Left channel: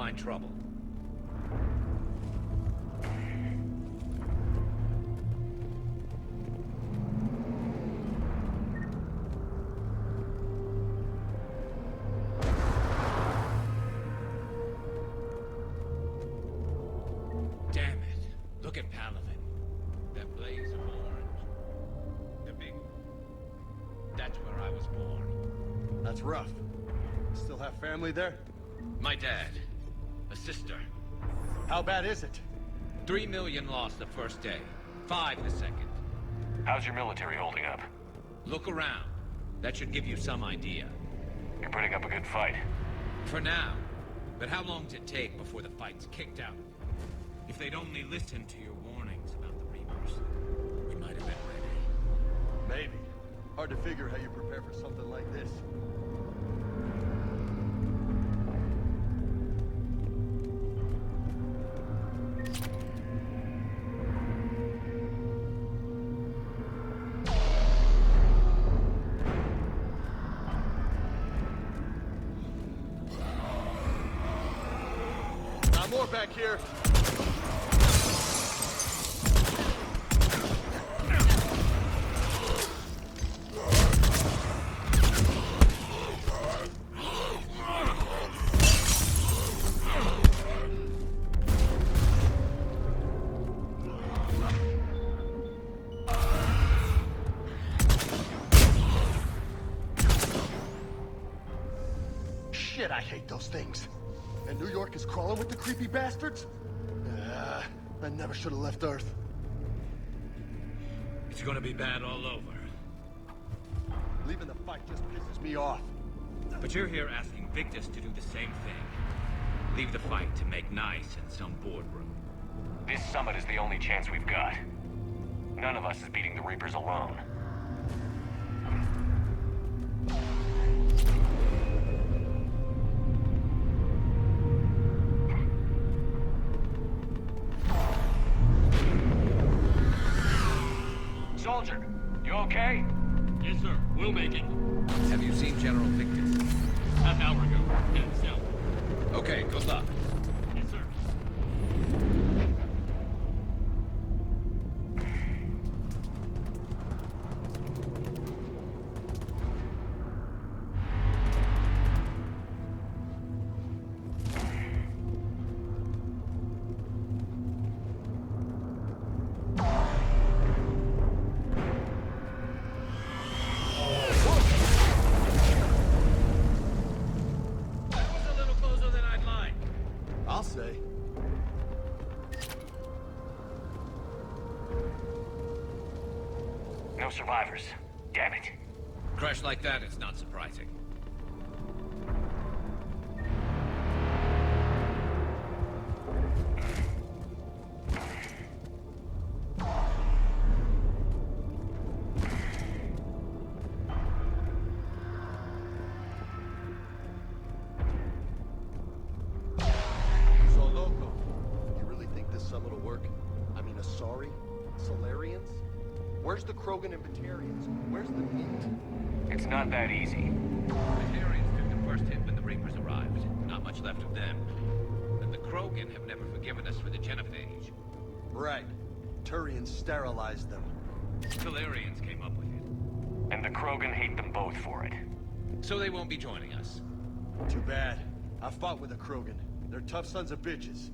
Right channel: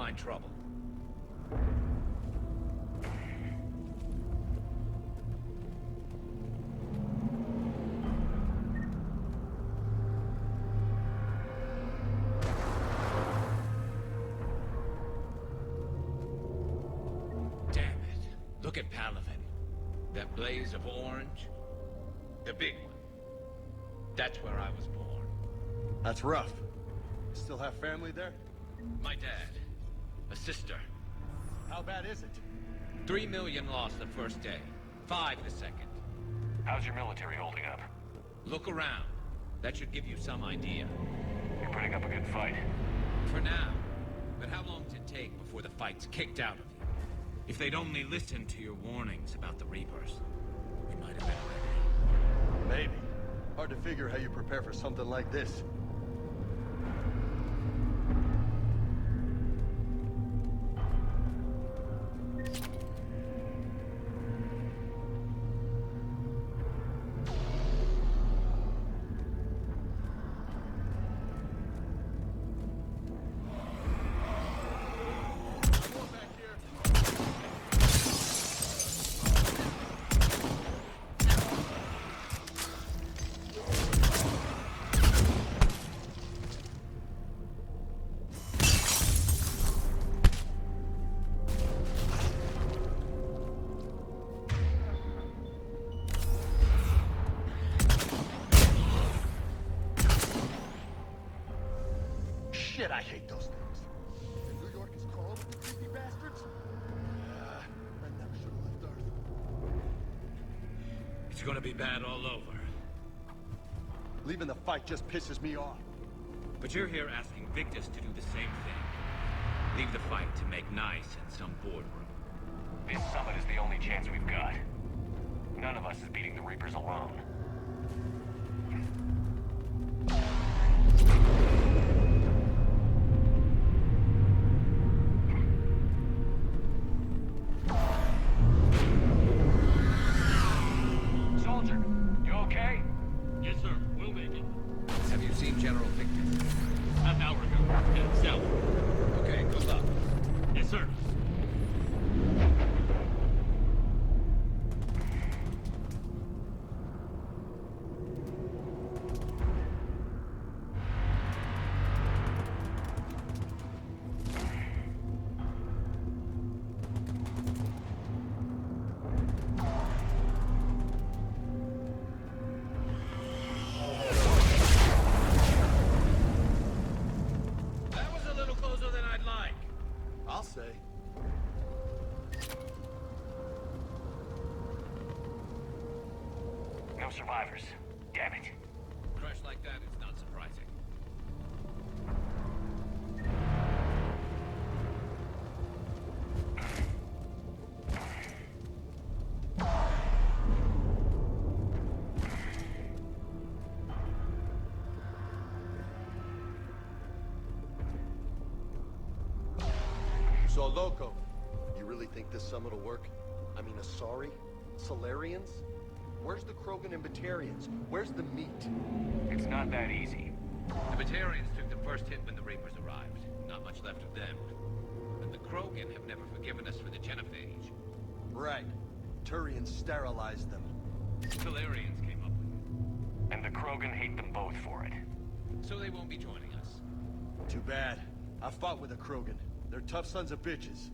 find trouble. Damn it. Look at Paladin. That blaze of orange. The big one. That's where I was born. That's rough. Still have family there? My dad. A sister. How bad is it? 3 million lost the first day. 5 the second. How's your military holding up? Look around. That should give you some idea. You're putting up a good fight. For now. But how long does it take before the fight's kicked out of you? If they'd only listened to your warnings about the Reapers, we might have been ready. Maybe. Hard to figure how you prepare for something like this. More back here. Shit, I hate those things. And New York is crawling with the creepy bastards? I never should have left Earth. It's gonna be bad all over. Leaving the fight just pisses me off. But you're here asking Victus to do the same thing. Leave the fight to make nice in some boardroom. This summit is the only chance we've got. None of us is beating the Reapers alone. Soldier, you okay? Yes, sir. We'll make it. Have you seen General Victus? Half hour ago. Headed south. Okay, good luck. Yes, sir. No survivors. Damn it. Crash like that is not surprising. So, Loco, you really think this summit will work? I mean, Asari? Solarians? Where's the Krogan and Batarians? Where's the meat? It's not that easy. The Batarians took the first hit when the Reapers arrived. Not much left of them. And the Krogan have never forgiven us for the Genophage. Right. Turians sterilized them. Solarians came up with it. And the Krogan hate them both for it. So they won't be joining us. Too bad. I fought with the Krogan. They're tough sons of bitches.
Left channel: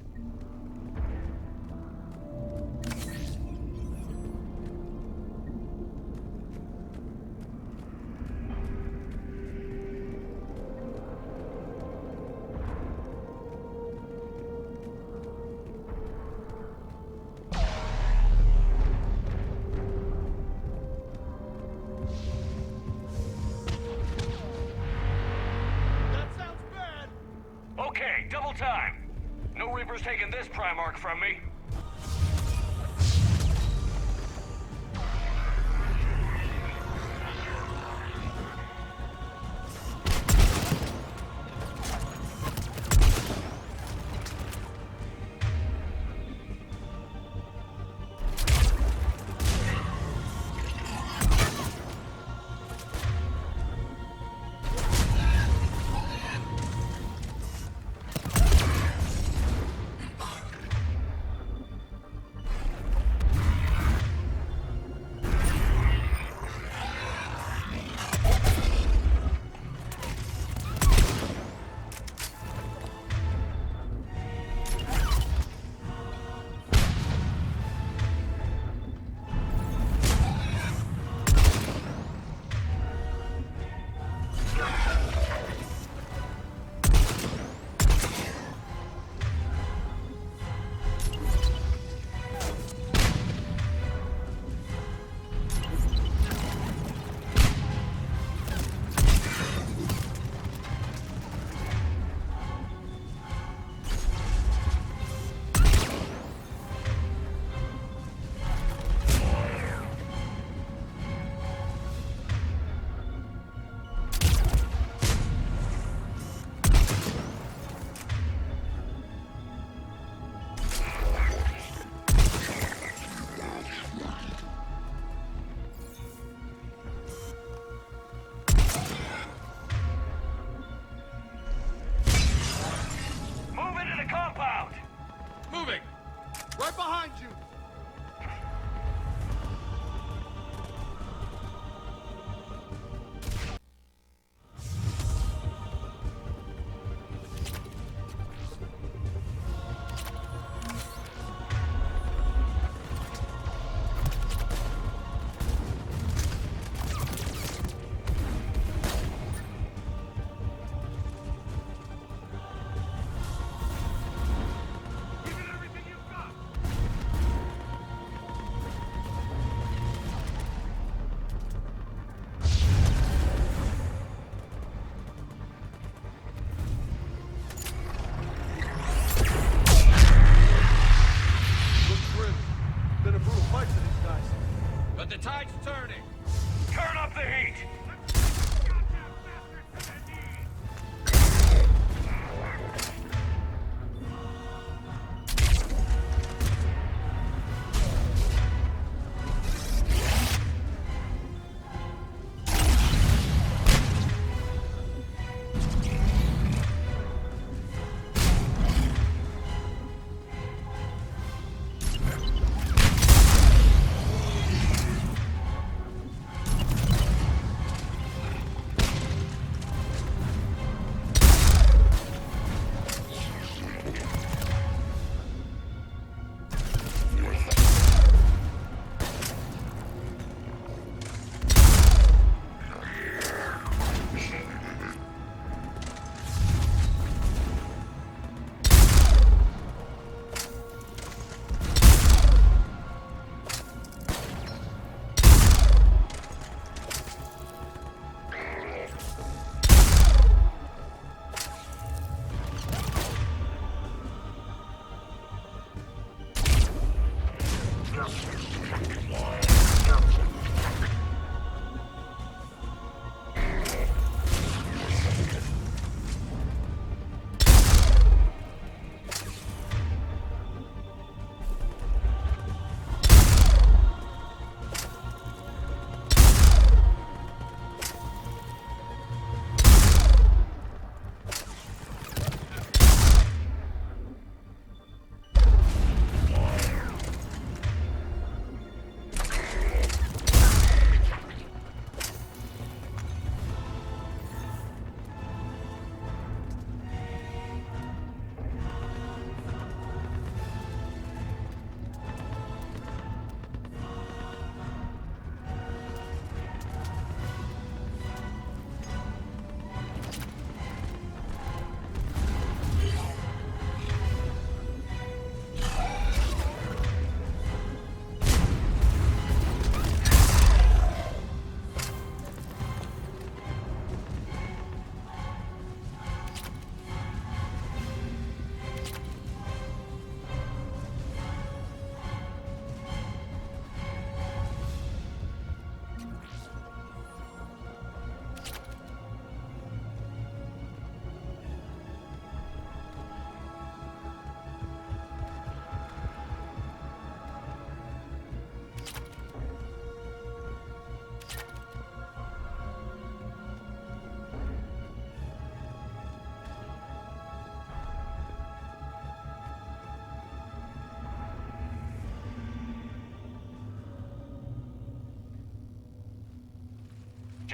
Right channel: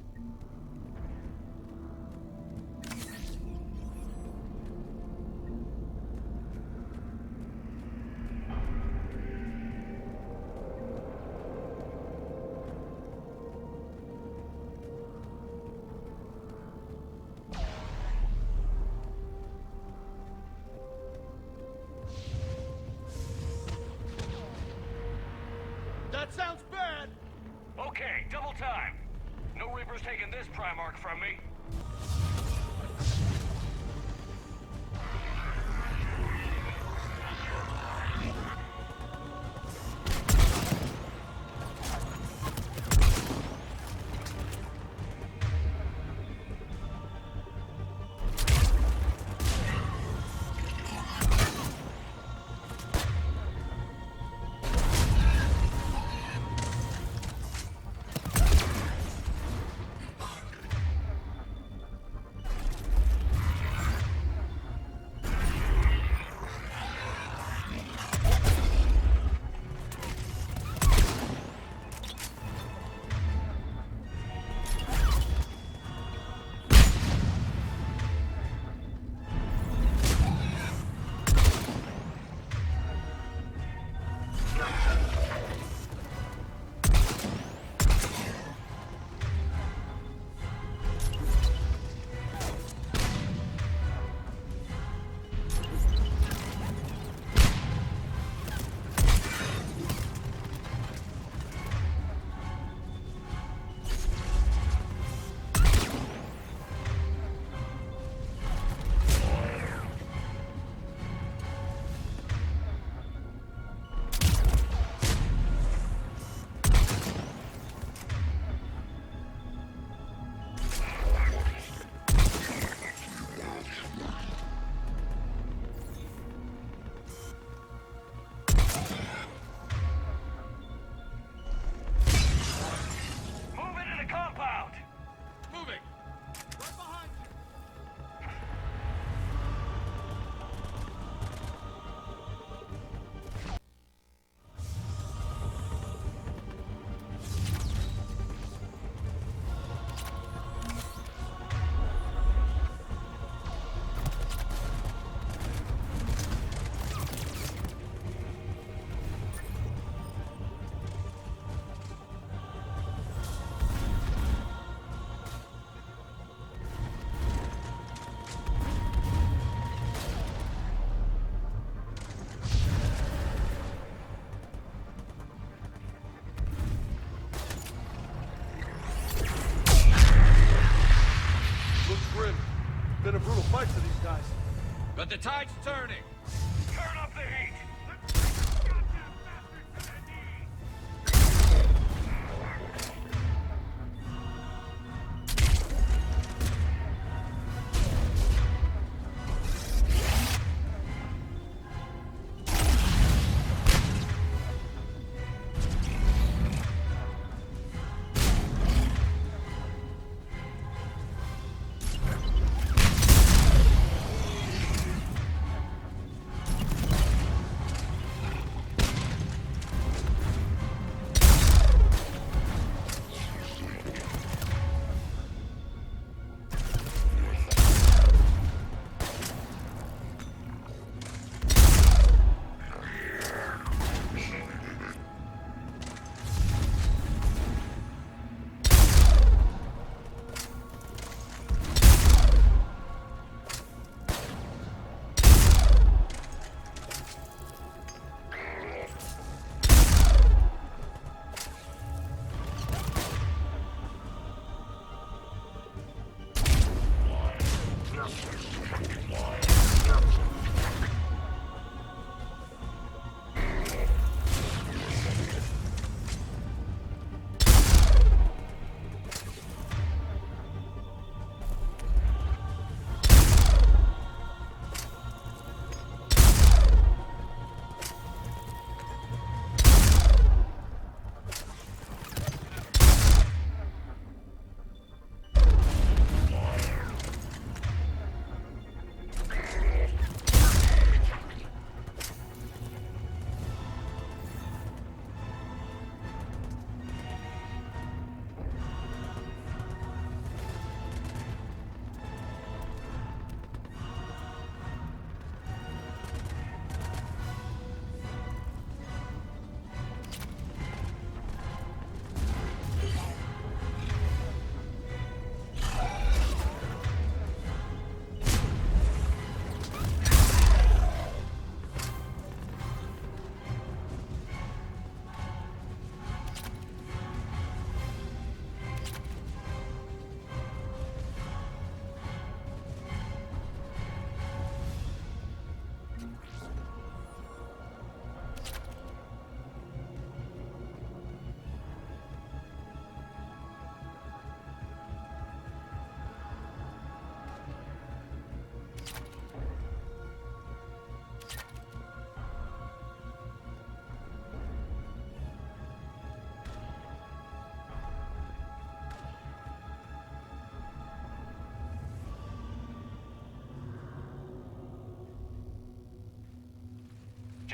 Okay, double time. No Reapers taking this Primarch from me.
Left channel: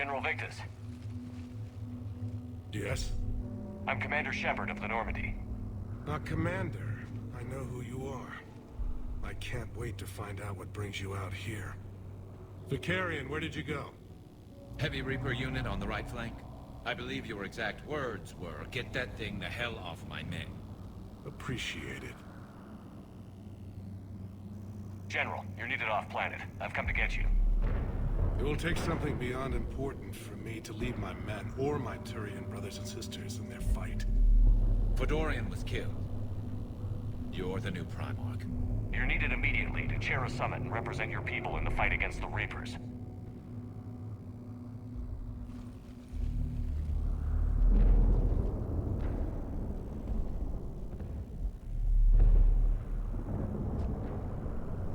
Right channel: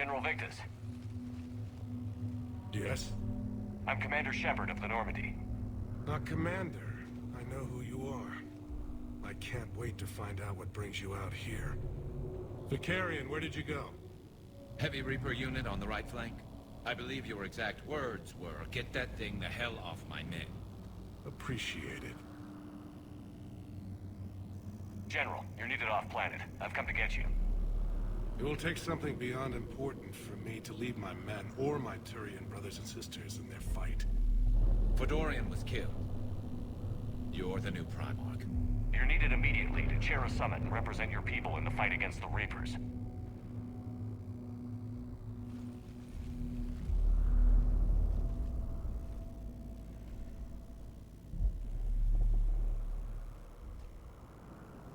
General Victus. Yes? I'm Commander Shepard of the Normandy. Commander, I know who you are. I can't wait to find out what brings you out here. Vicarian, where did you go? Heavy Reaper unit on the right flank. I believe your exact words were, "Get that thing the hell off my men." Appreciate it. General, you're needed off-planet. I've come to get you. It will take something beyond important for me to leave my men or my Turian brothers and sisters in their fight. Fedorian was killed. You're the new Primarch. You're needed immediately to chair a summit and represent your people in the fight against the Reapers.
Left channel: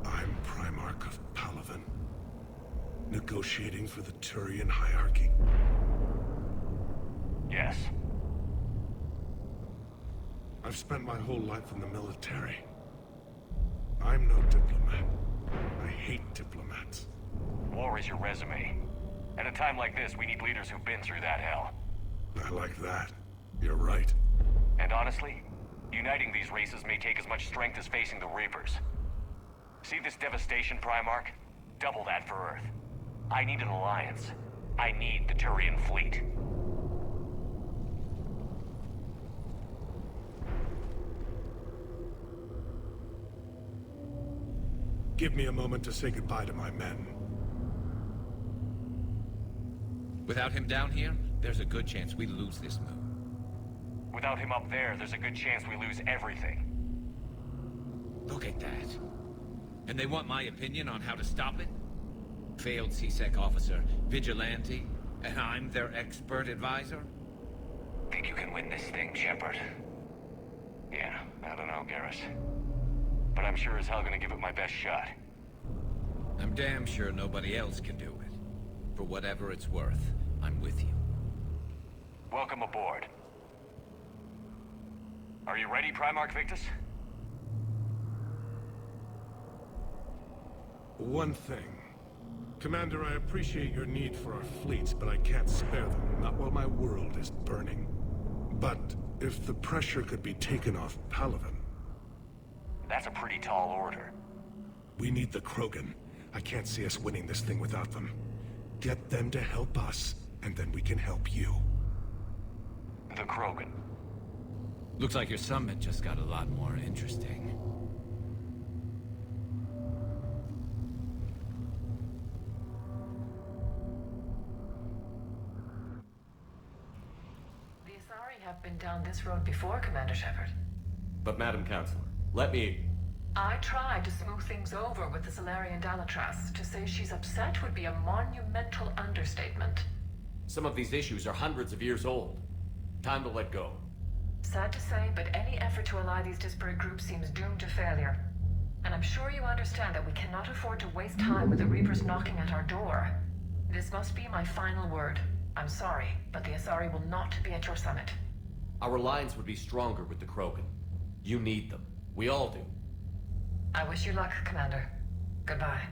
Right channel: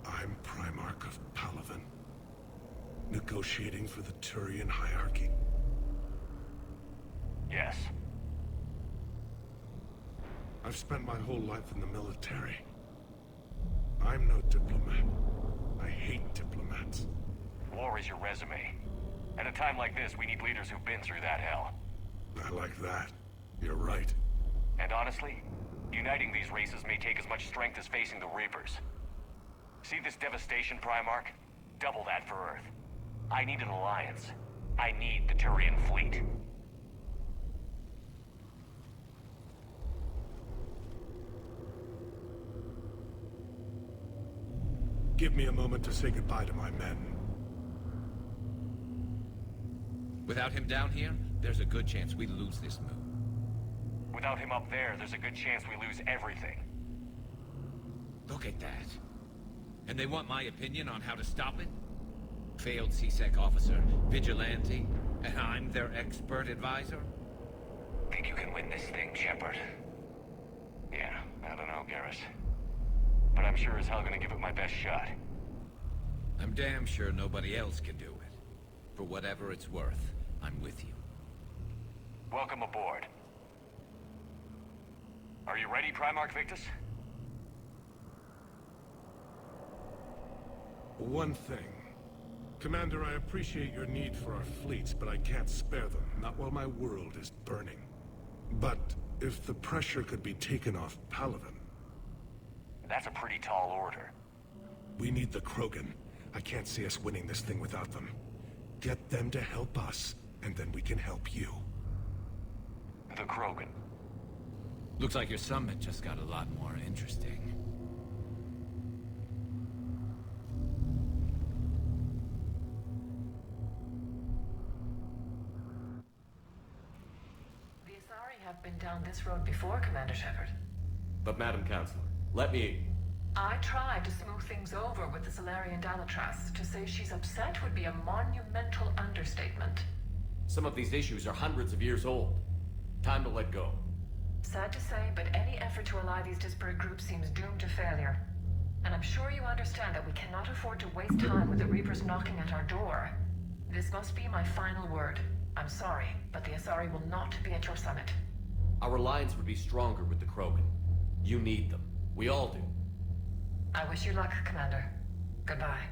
I'm Primarch of Palaven, negotiating for the Turian hierarchy. Yes. I've spent my whole life in the military. I'm no diplomat. I hate diplomats. War is your resume. At a time like this, we need leaders who've been through that hell. I like that. You're right. And honestly, uniting these races may take as much strength as facing the Reapers. See this devastation, Primarch? Double that for Earth. I need an alliance. I need the Turian fleet. Give me a moment to say goodbye to my men. Without him down here, there's a good chance we lose this move. Without him up there, there's a good chance we lose everything. Look at that. And they want my opinion on how to stop it? Failed CSEC officer, vigilante, and I'm their expert advisor? Think you can win this thing, Shepard? Yeah, I don't know, Garrus. But I'm sure as hell gonna give it my best shot. I'm damn sure nobody else can do it. For whatever it's worth, I'm with you. Welcome aboard. Are you ready, Primarch Victus? One thing. Commander, I appreciate your need for our fleets, but I can't spare them, not while my world is burning. But if the pressure could be taken off Palaven... That's a pretty tall order. We need the Krogan. I can't see us winning this thing without them. Get them to help us, and then we can help you. The Krogan. Looks like your summit just got a lot more interesting. The Asari have been down this road before, Commander Shepard. But Madam Counselor, let me... I tried to smooth things over with the Solarian Dalatrass. To say she's upset would be a monumental understatement. Some of these issues are hundreds of years old. Time to let go. Sad to say, but any effort to ally these disparate groups seems doomed to failure. And I'm sure you understand that we cannot afford to waste time with the Reapers knocking at our door. This must be my final word. I'm sorry, but the Asari will not be at your summit. Our alliance would be stronger with the Krogan. You need them. We all do. I wish you luck, Commander. Goodbye.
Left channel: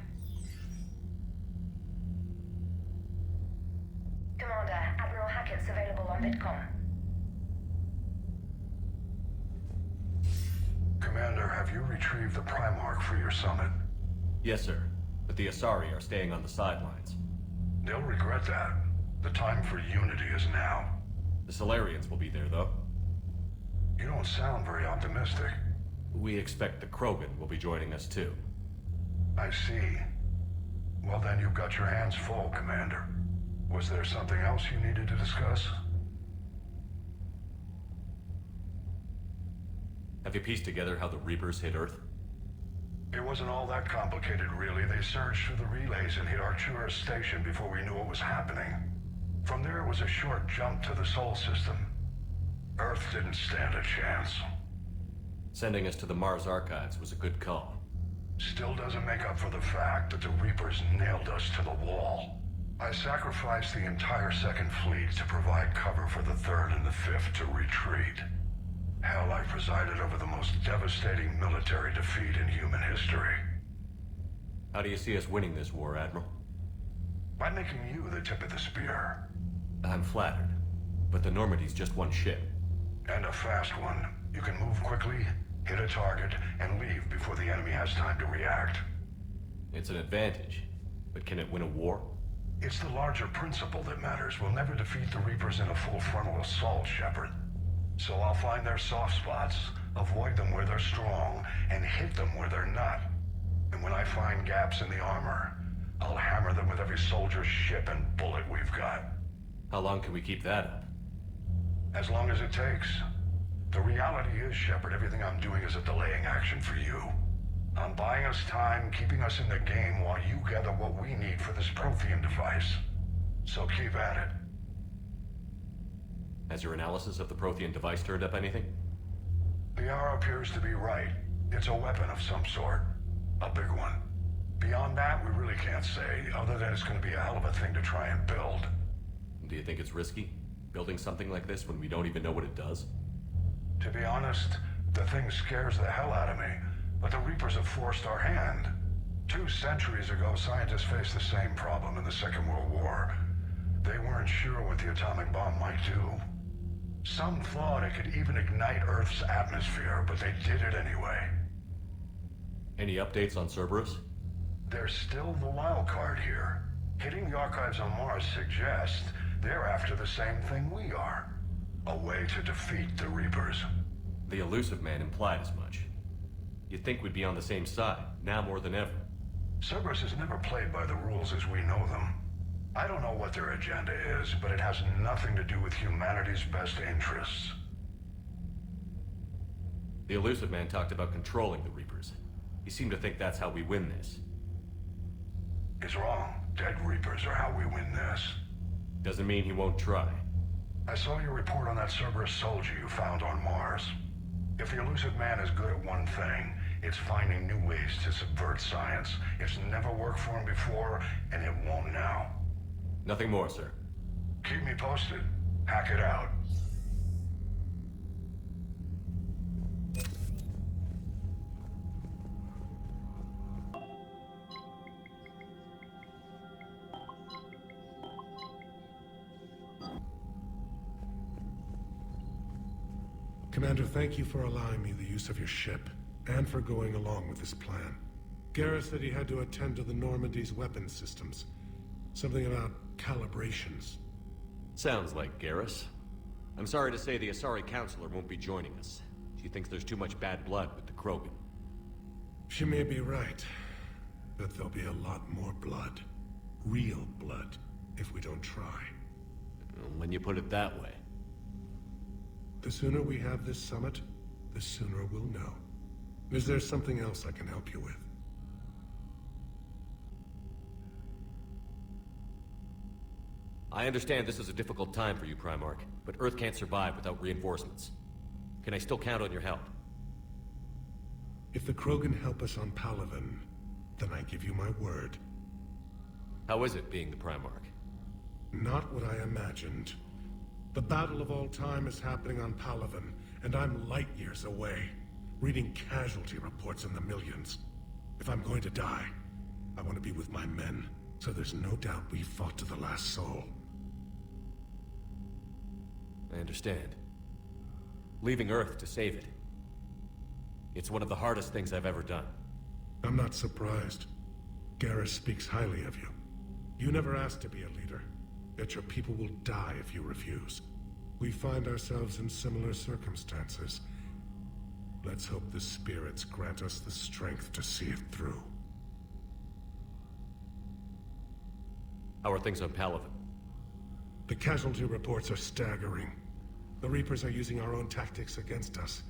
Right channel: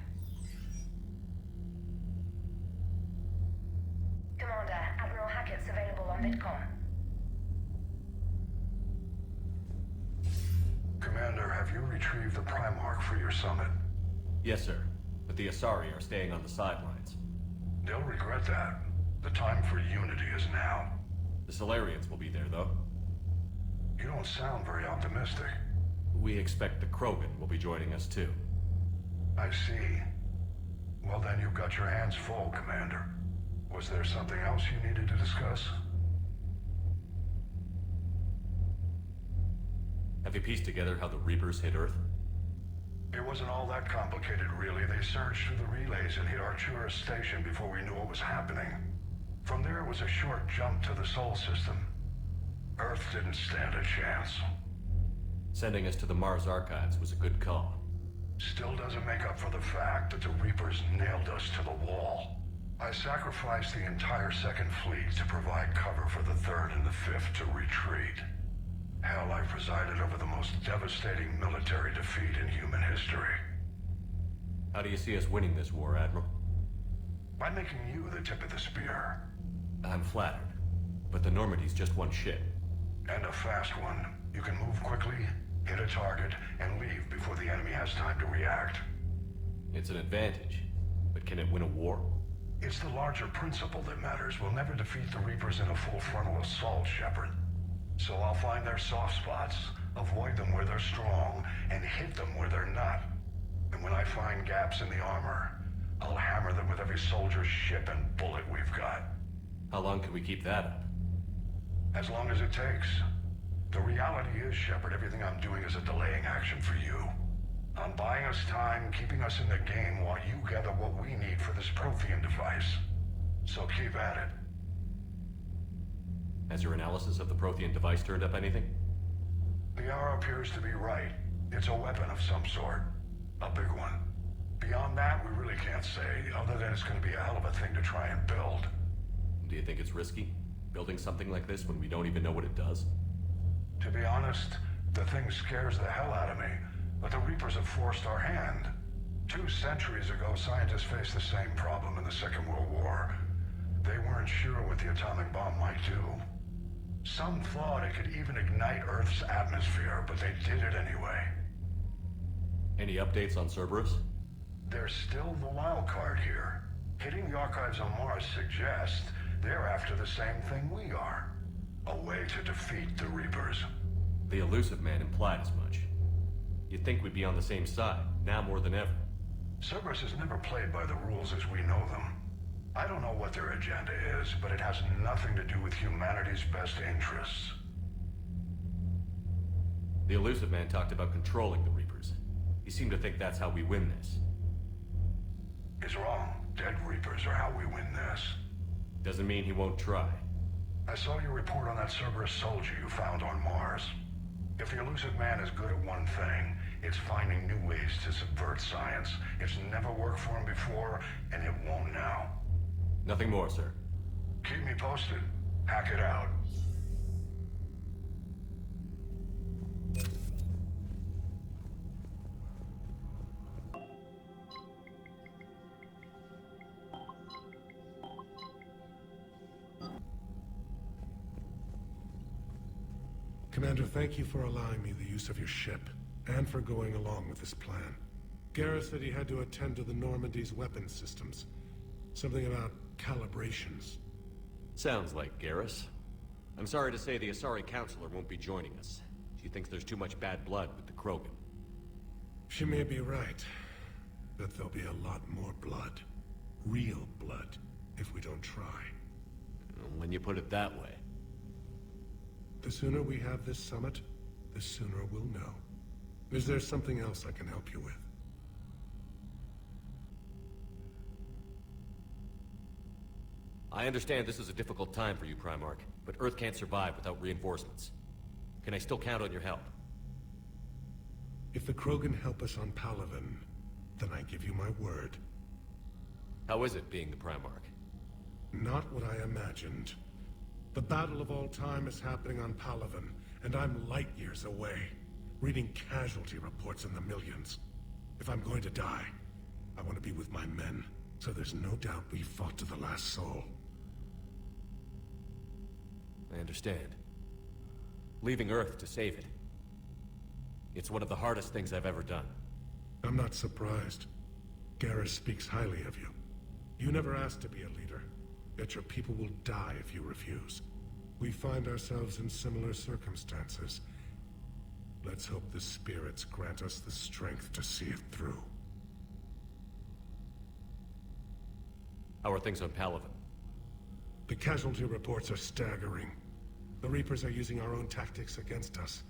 Commander, Admiral Hackett's available on VidCom. Commander, have you retrieved the Primarch for your summit? Yes, sir. But the Asari are staying on the sidelines. They'll regret that. The time for unity is now. The Solarians will be there, though. You don't sound very optimistic. We expect the Krogan will be joining us, too. I see. Well, then you've got your hands full, Commander. Was there something else you needed to discuss? Have you pieced together how the Reapers hit Earth? It wasn't all that complicated, really. They surged through the relays and hit Artura's station before we knew what was happening. From there, it was a short jump to the Sol system. Earth didn't stand a chance. Sending us to the Mars Archives was a good call. Still doesn't make up for the fact that the Reapers nailed us to the wall. I sacrificed the entire Second Fleet to provide cover for the Third and the Fifth to retreat. Hell, I presided over the most devastating military defeat in human history. How do you see us winning this war, Admiral? by making you the tip of the spear. I'm flattered. But the Normandy's just one ship. And a fast one. You can move quickly, hit a target, and leave before the enemy has time to react. It's an advantage. But can it win a war? It's the larger principle that matters. We'll never defeat the Reapers in a full frontal assault, Shepard. So I'll find their soft spots, avoid them where they're strong, and hit them where they're not. And when I find gaps in the armor, I'll hammer them with every soldier's ship and bullet we've got. How long can we keep that up? As long as it takes. The reality is, Shepard, everything I'm doing is a delaying action for you. I'm buying us time, keeping us in the game while you gather what we need for this Prothean device. So keep at it. Has your analysis of the Prothean device turned up anything? The R appears to be right. It's a weapon of some sort. A big one. Beyond that, we really can't say, other than it's going to be a hell of a thing to try and build. Do you think it's risky? Building something like this when we don't even know what it does? To be honest, the thing scares the hell out of me. But the Reapers have forced our hand. 2 centuries ago, scientists faced the same problem in the Second World War. They weren't sure what the atomic bomb might do. Some thought it could even ignite Earth's atmosphere, but they did it anyway. Any updates on Cerberus? There's still the wild card here. Hitting the archives on Mars suggests they're after the same thing we are. A way to defeat the Reapers. The elusive man implied as much. You'd think we'd be on the same side, now more than ever. Cerberus has never played by the rules as we know them. I don't know what their agenda is, but it has nothing to do with humanity's best interests. The elusive man talked about controlling the Reapers. He seemed to think that's how we win this. He's wrong. Dead Reapers are how we win this. Doesn't mean he won't try. I saw your report on that Cerberus soldier you found on Mars. If the elusive man is good at one thing, it's finding new ways to subvert science. It's never worked for him before, and it won't now. Nothing more, sir. Keep me posted. Hack it out. Commander, thank you for allowing me the use of your ship, and for going along with this plan. Garrus said he had to attend to the Normandy's weapons systems. Something about calibrations. Sounds like Garrus. I'm sorry to say the Asari Counselor won't be joining us. She thinks there's too much bad blood with the Krogan. She may be right, but there'll be a lot more blood. Real blood, if we don't try. When you put it that way. The sooner we have this summit, the sooner we'll know. Is there something else I can help you with? I understand this is a difficult time for you, Primarch, but Earth can't survive without reinforcements. Can I still count on your help? If the Krogan help us on Palaven, then I give you my word. How is it being the Primarch? Not what I imagined. The battle of all time is happening on Palaven, and I'm light years away, reading casualty reports in the millions. If I'm going to die, I want to be with my men, so there's no doubt we fought to the last soul. I understand. Leaving Earth to save it. It's one of the hardest things I've ever done. I'm not surprised. Garrus speaks highly of you. You never asked to be a leader, yet your people will die if you refuse. We find ourselves in similar circumstances. Let's hope the spirits grant us the strength to see it through. How are things on Palaven? The casualty reports are staggering. The Reapers are using our own tactics against us.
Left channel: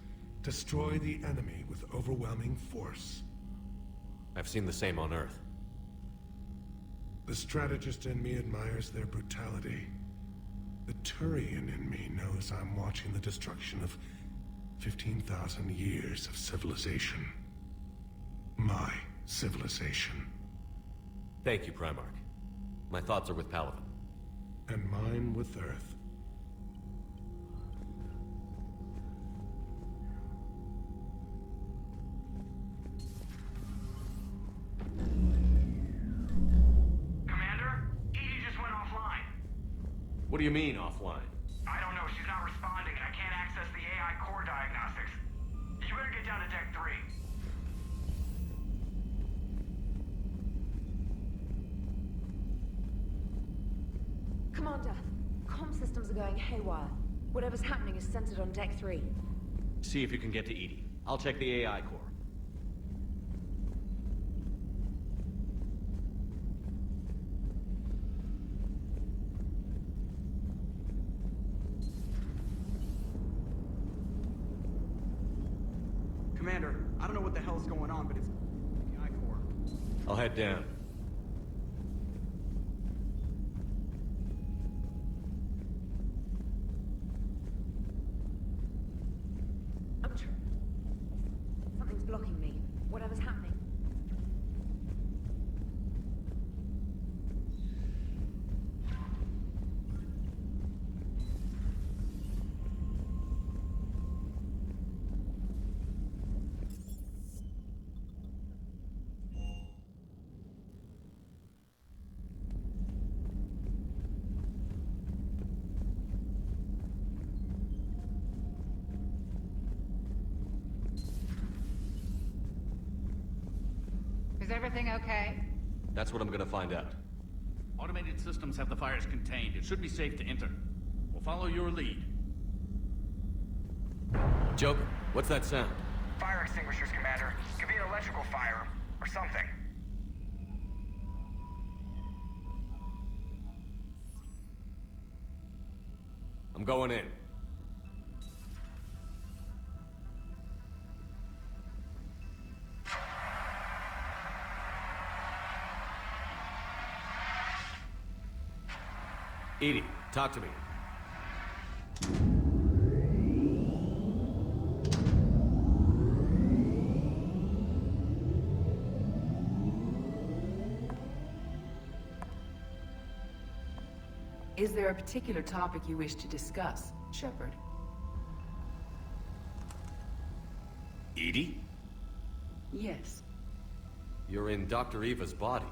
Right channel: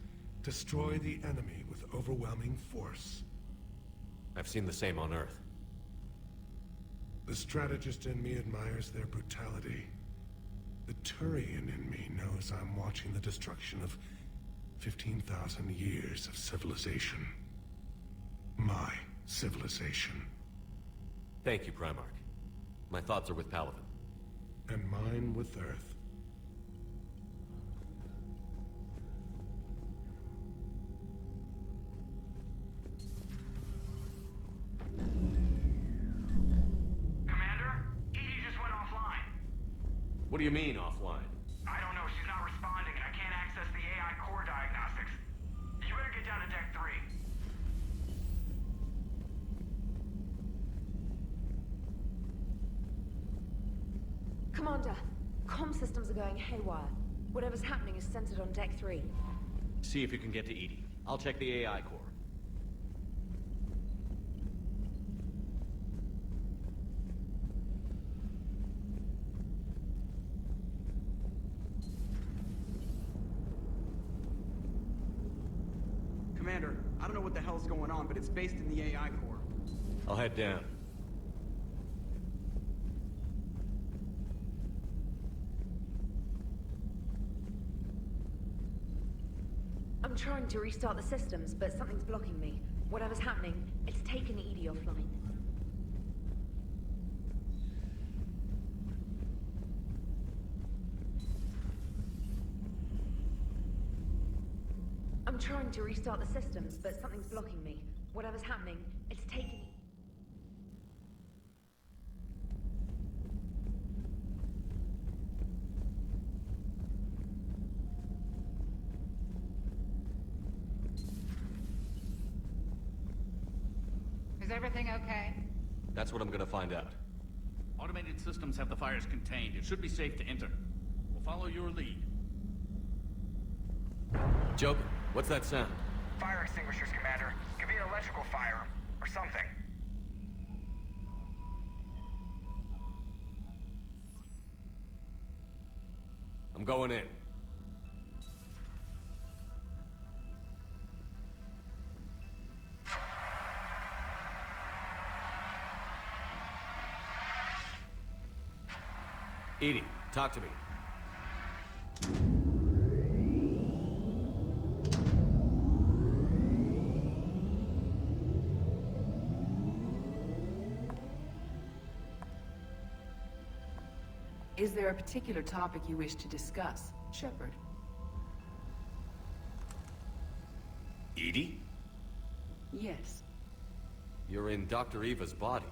Destroy the enemy with overwhelming force. I've seen the same on Earth. The strategist in me admires their brutality. The Turian in me knows I'm watching the destruction of 15,000 years of civilization. My civilization. Thank you, Primarch. My thoughts are with Palaven. And mine with Earth. Commander, What do you mean, offline? I don't know, she's not responding and I can't access the AI core diagnostics. You better get down to deck 3. Commander, comm systems are going haywire. Whatever's happening is centered on deck 3. See if you can get to Edie. I'll check the AI core. Commander, I don't know what the hell's going on, but it's based in the AI core. I'll head down. I'm trying to restart the systems, but something's blocking me. Whatever's happening, it's taken Edie offline. I'm trying to restart the systems, but something's blocking me. Whatever's happening, it's taking... Is everything okay? That's what I'm gonna find out. Automated systems have the fires contained. It should be safe to enter. We'll follow your lead. Joke, what's that sound? Fire extinguishers, Commander. Could be an electrical fire or something. I'm going in. Edie, talk to me. Is there a particular topic you wish to discuss, Shepard? Edie? Yes. You're in Dr. Eva's body.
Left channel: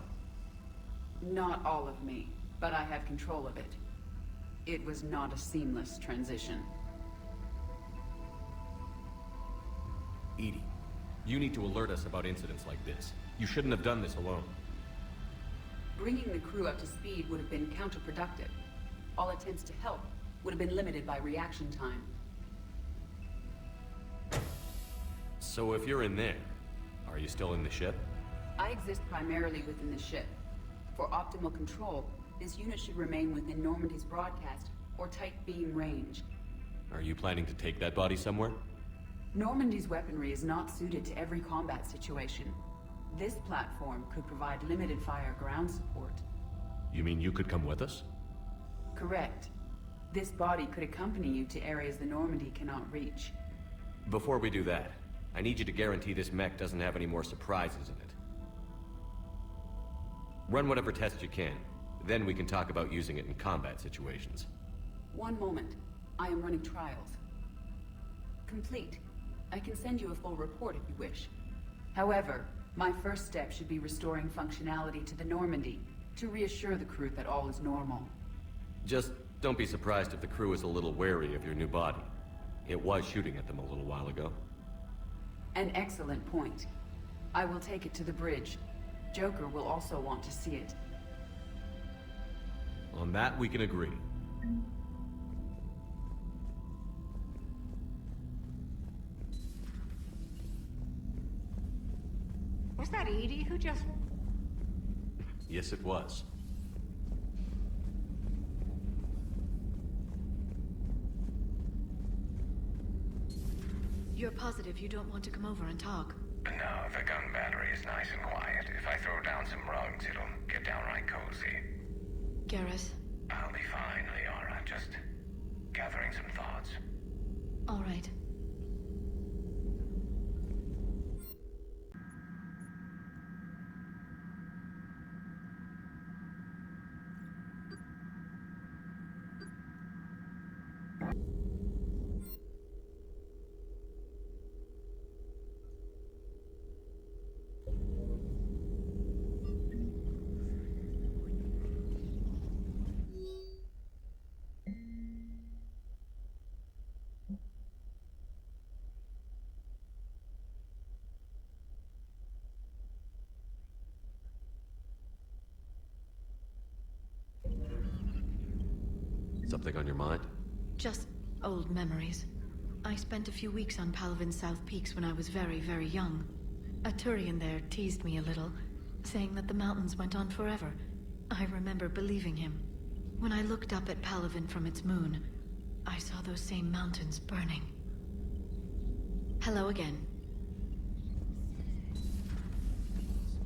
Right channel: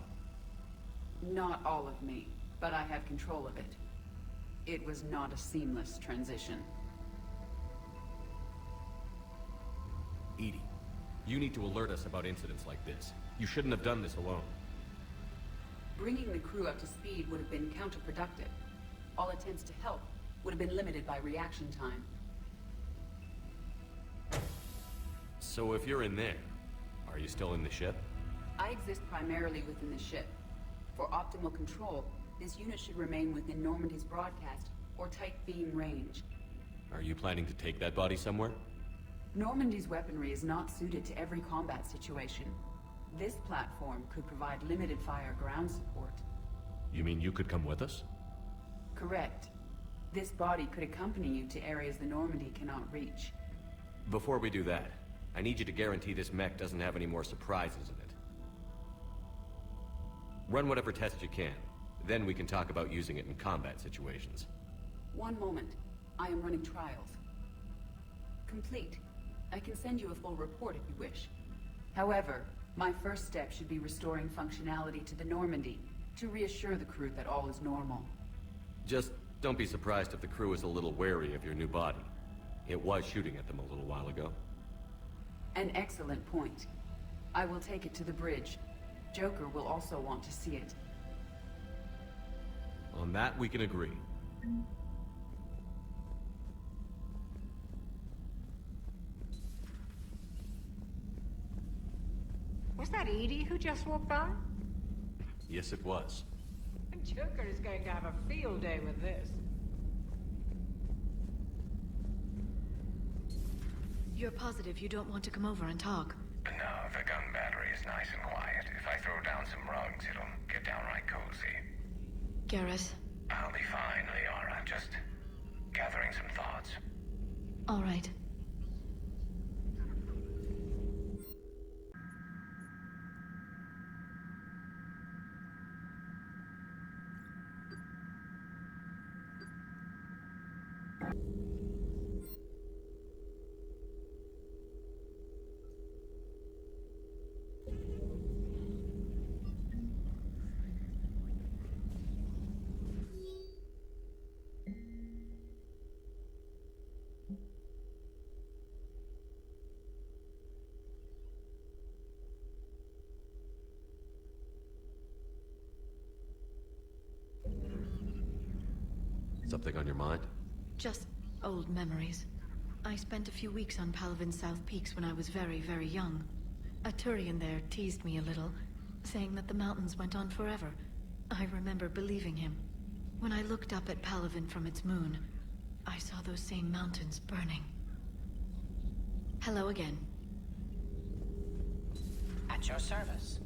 Not all of me, but I have control of it. It was not a seamless transition. Edie, you need to alert us about incidents like this. You shouldn't have done this alone. Bringing the crew up to speed would have been counterproductive. All attempts to help would have been limited by reaction time. So if you're in there, are you still in the ship? I exist primarily within the ship. For optimal control, this unit should remain within Normandy's broadcast or tight beam range. Are you planning to take that body somewhere? Normandy's weaponry is not suited to every combat situation. This platform could provide limited fire ground support. You mean you could come with us? Correct. This body could accompany you to areas the Normandy cannot reach. Before we do that, I need you to guarantee this mech doesn't have any more surprises in it. Run whatever tests you can. Then we can talk about using it in combat situations. One moment. I am running trials. Complete. I can send you a full report if you wish. However, my first step should be restoring functionality to the Normandy to reassure the crew that all is normal. Just don't be surprised if the crew is a little wary of your new body. It was shooting at them a little while ago. An excellent point. I will take it to the bridge. Joker will also want to see it. On that, we can agree. Was that Edie who just walked by? Yes, it was. Joker is going to have a field day with this. You're positive you don't want to come over and talk? No, the gun battery is nice and quiet. If I throw down some rugs, it'll get downright cozy. Garrus? I'll be fine, Leora. Just gathering some thoughts. All right. Something on your mind? Just old memories. I spent a few weeks on Palvin's South Peaks when I was very, very young. A Turian there teased me a little, saying that the mountains went on forever. I remember believing him. When I looked up at Palvin from its moon, I saw those same mountains burning. Hello again. At your service.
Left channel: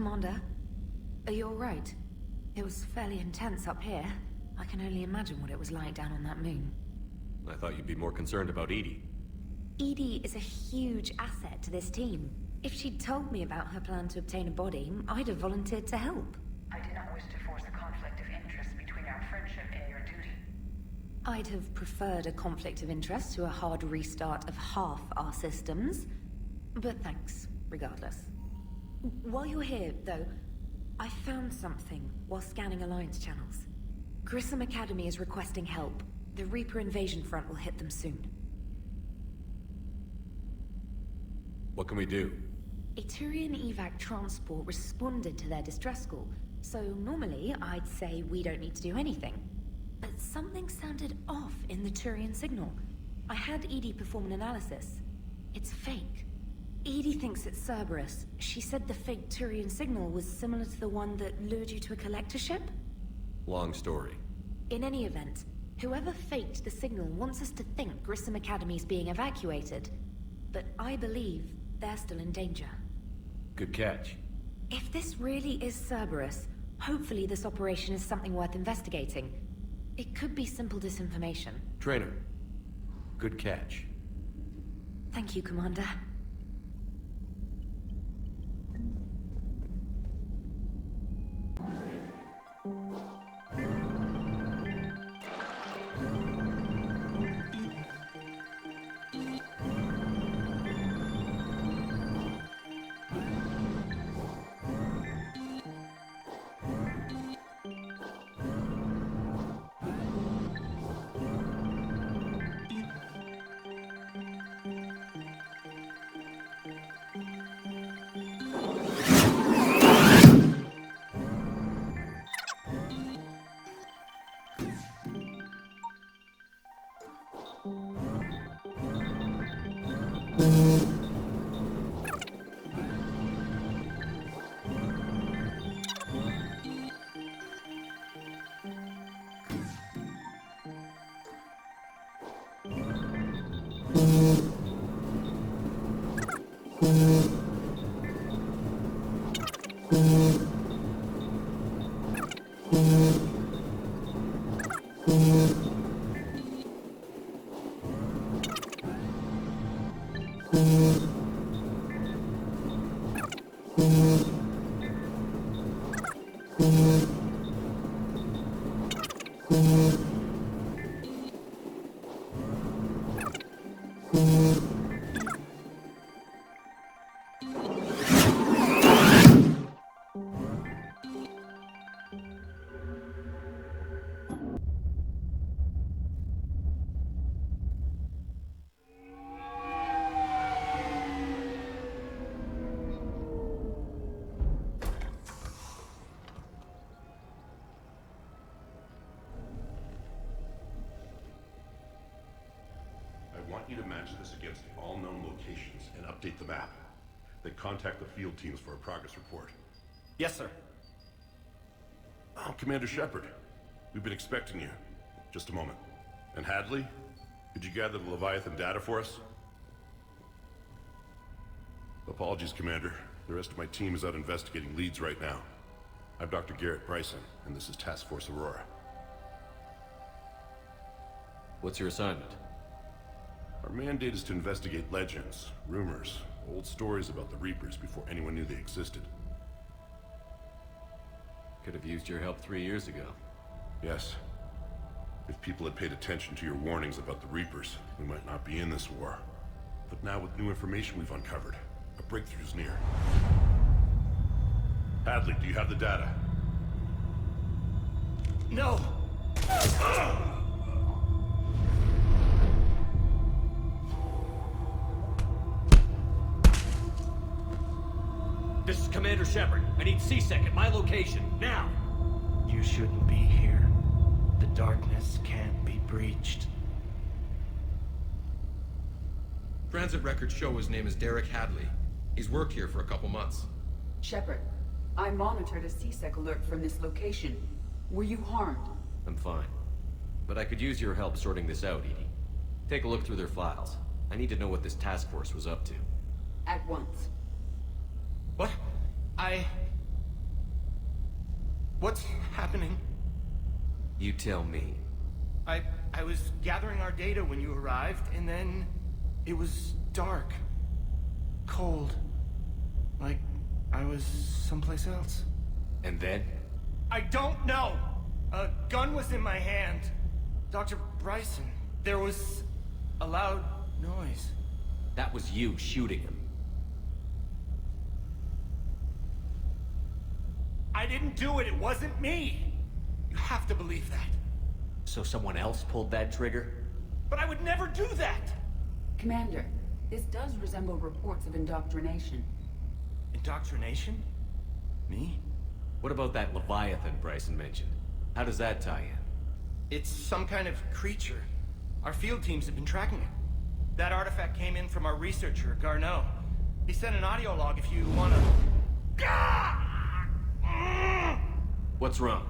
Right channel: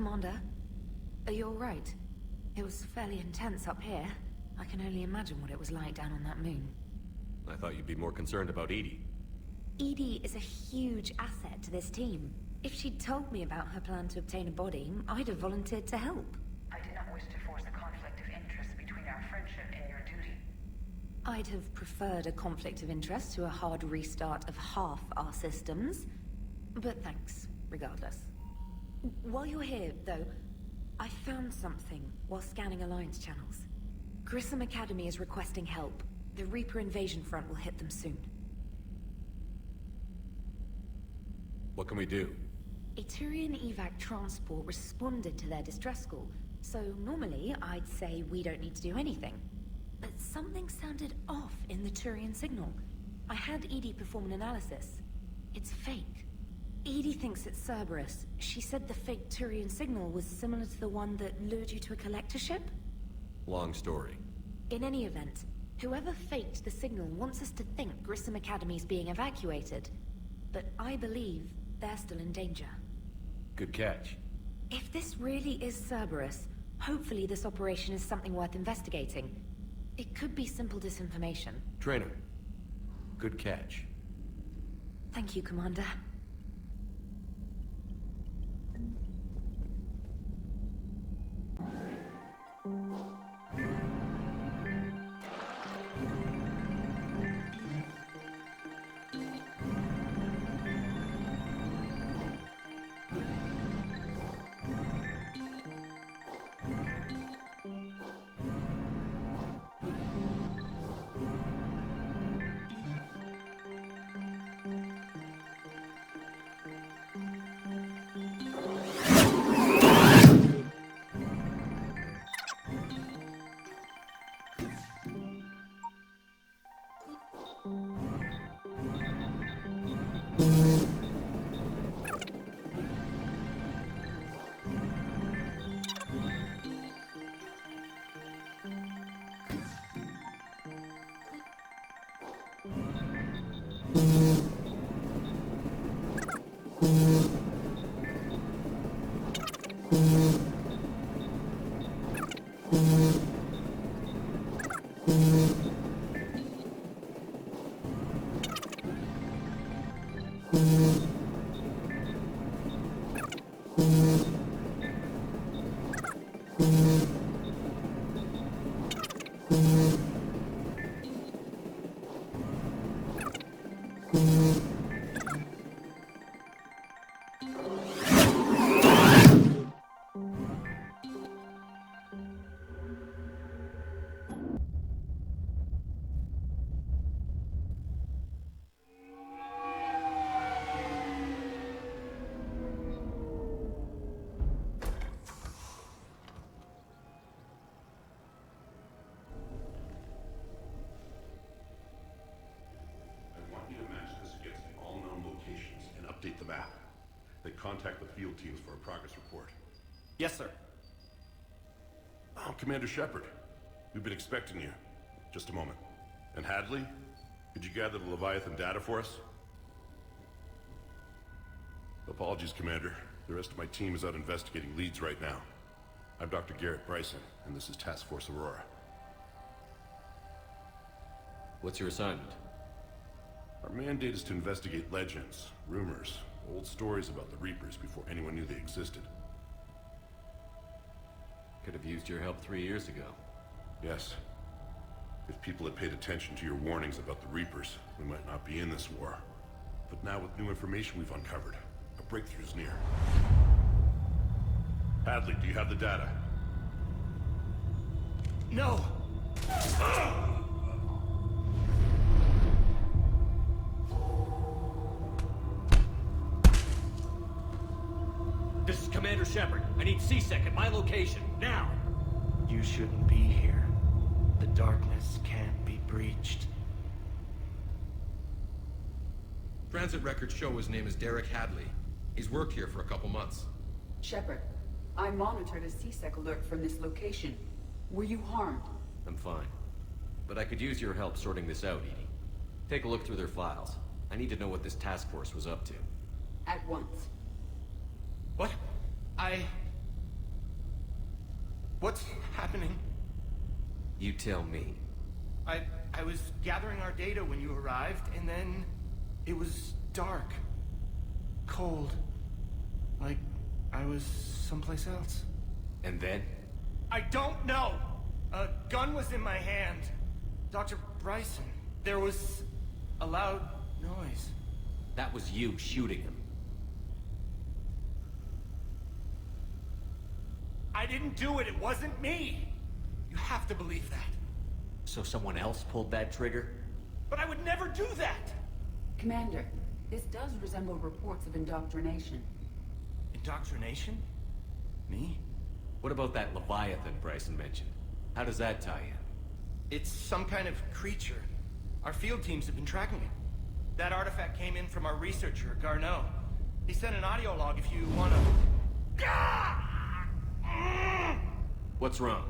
Commander, are you alright? It was fairly intense up here. I can only imagine what it was like down on that moon. I thought you'd be more concerned about Edie. Edie is a huge asset to this team. If she'd told me about her plan to obtain a body, I'd have volunteered to help. I did not wish to force a conflict of interest between our friendship and your duty. I'd have preferred a conflict of interest to a hard restart of half our systems. But thanks, regardless. While you're here, though, I found something while scanning Alliance channels. Grissom Academy is requesting help. The Reaper invasion front will hit them soon. What can we do? A Turian evac transport responded to their distress call, so normally I'd say we don't need to do anything. But something sounded off in the Turian signal. I had Edie perform an analysis. It's fake. Edie thinks it's Cerberus. She said the fake Turian signal was similar to the one that lured you to a collector ship? Long story. In any event, whoever faked the signal wants us to think Grissom Academy's being evacuated. But I believe they're still in danger. Good catch. If this really is Cerberus, hopefully this operation is something worth investigating. It could be simple disinformation. Trainer. Good catch. Thank you, Commander. update the map. Then contact the field teams for a progress report. Yes, sir. Oh, Commander Shepard. We've been expecting you. Just a moment. And Hadley? Did you gather the Leviathan data for us? Apologies, Commander. The rest of my team is out investigating leads right now. I'm Dr. Garrett Bryson, and this is Task Force Aurora. What's your assignment? Our mandate is to investigate legends, rumors, old stories about the Reapers before anyone knew they existed. Could have used your help 3 years ago. Yes. If people had paid attention to your warnings about the Reapers, we might not be in this war. But now with new information we've uncovered, a breakthrough's near. Hadley, do you have the data? No! This is Commander Shepard. I need C-Sec at my location, now! You shouldn't be here. The darkness can't be breached. Transit records show his name is Derek Hadley. He's worked here for a couple months. Shepard, I monitored a C-Sec alert from this location. Were you harmed? I'm fine. But I could use your help sorting this out, Edie. Take a look through their files. I need to know what this task force was up to. At once. What? What's happening? You tell me. I was gathering our data when you arrived, and then it was dark. Cold. Like I was someplace else. And then? I don't know! A gun was in my hand. Dr. Bryson, there was a loud noise. That was you shooting him. I didn't do it, it wasn't me! You have to believe that. So someone else pulled that trigger? But I would never do that! Commander, this does resemble reports of indoctrination. Indoctrination? Me? What about that Leviathan Bryson mentioned? How does that tie in? It's some kind of creature. Our field teams have been tracking it. That artifact came in from our researcher, Garneau. He sent an audio log if you wanna... What's wrong?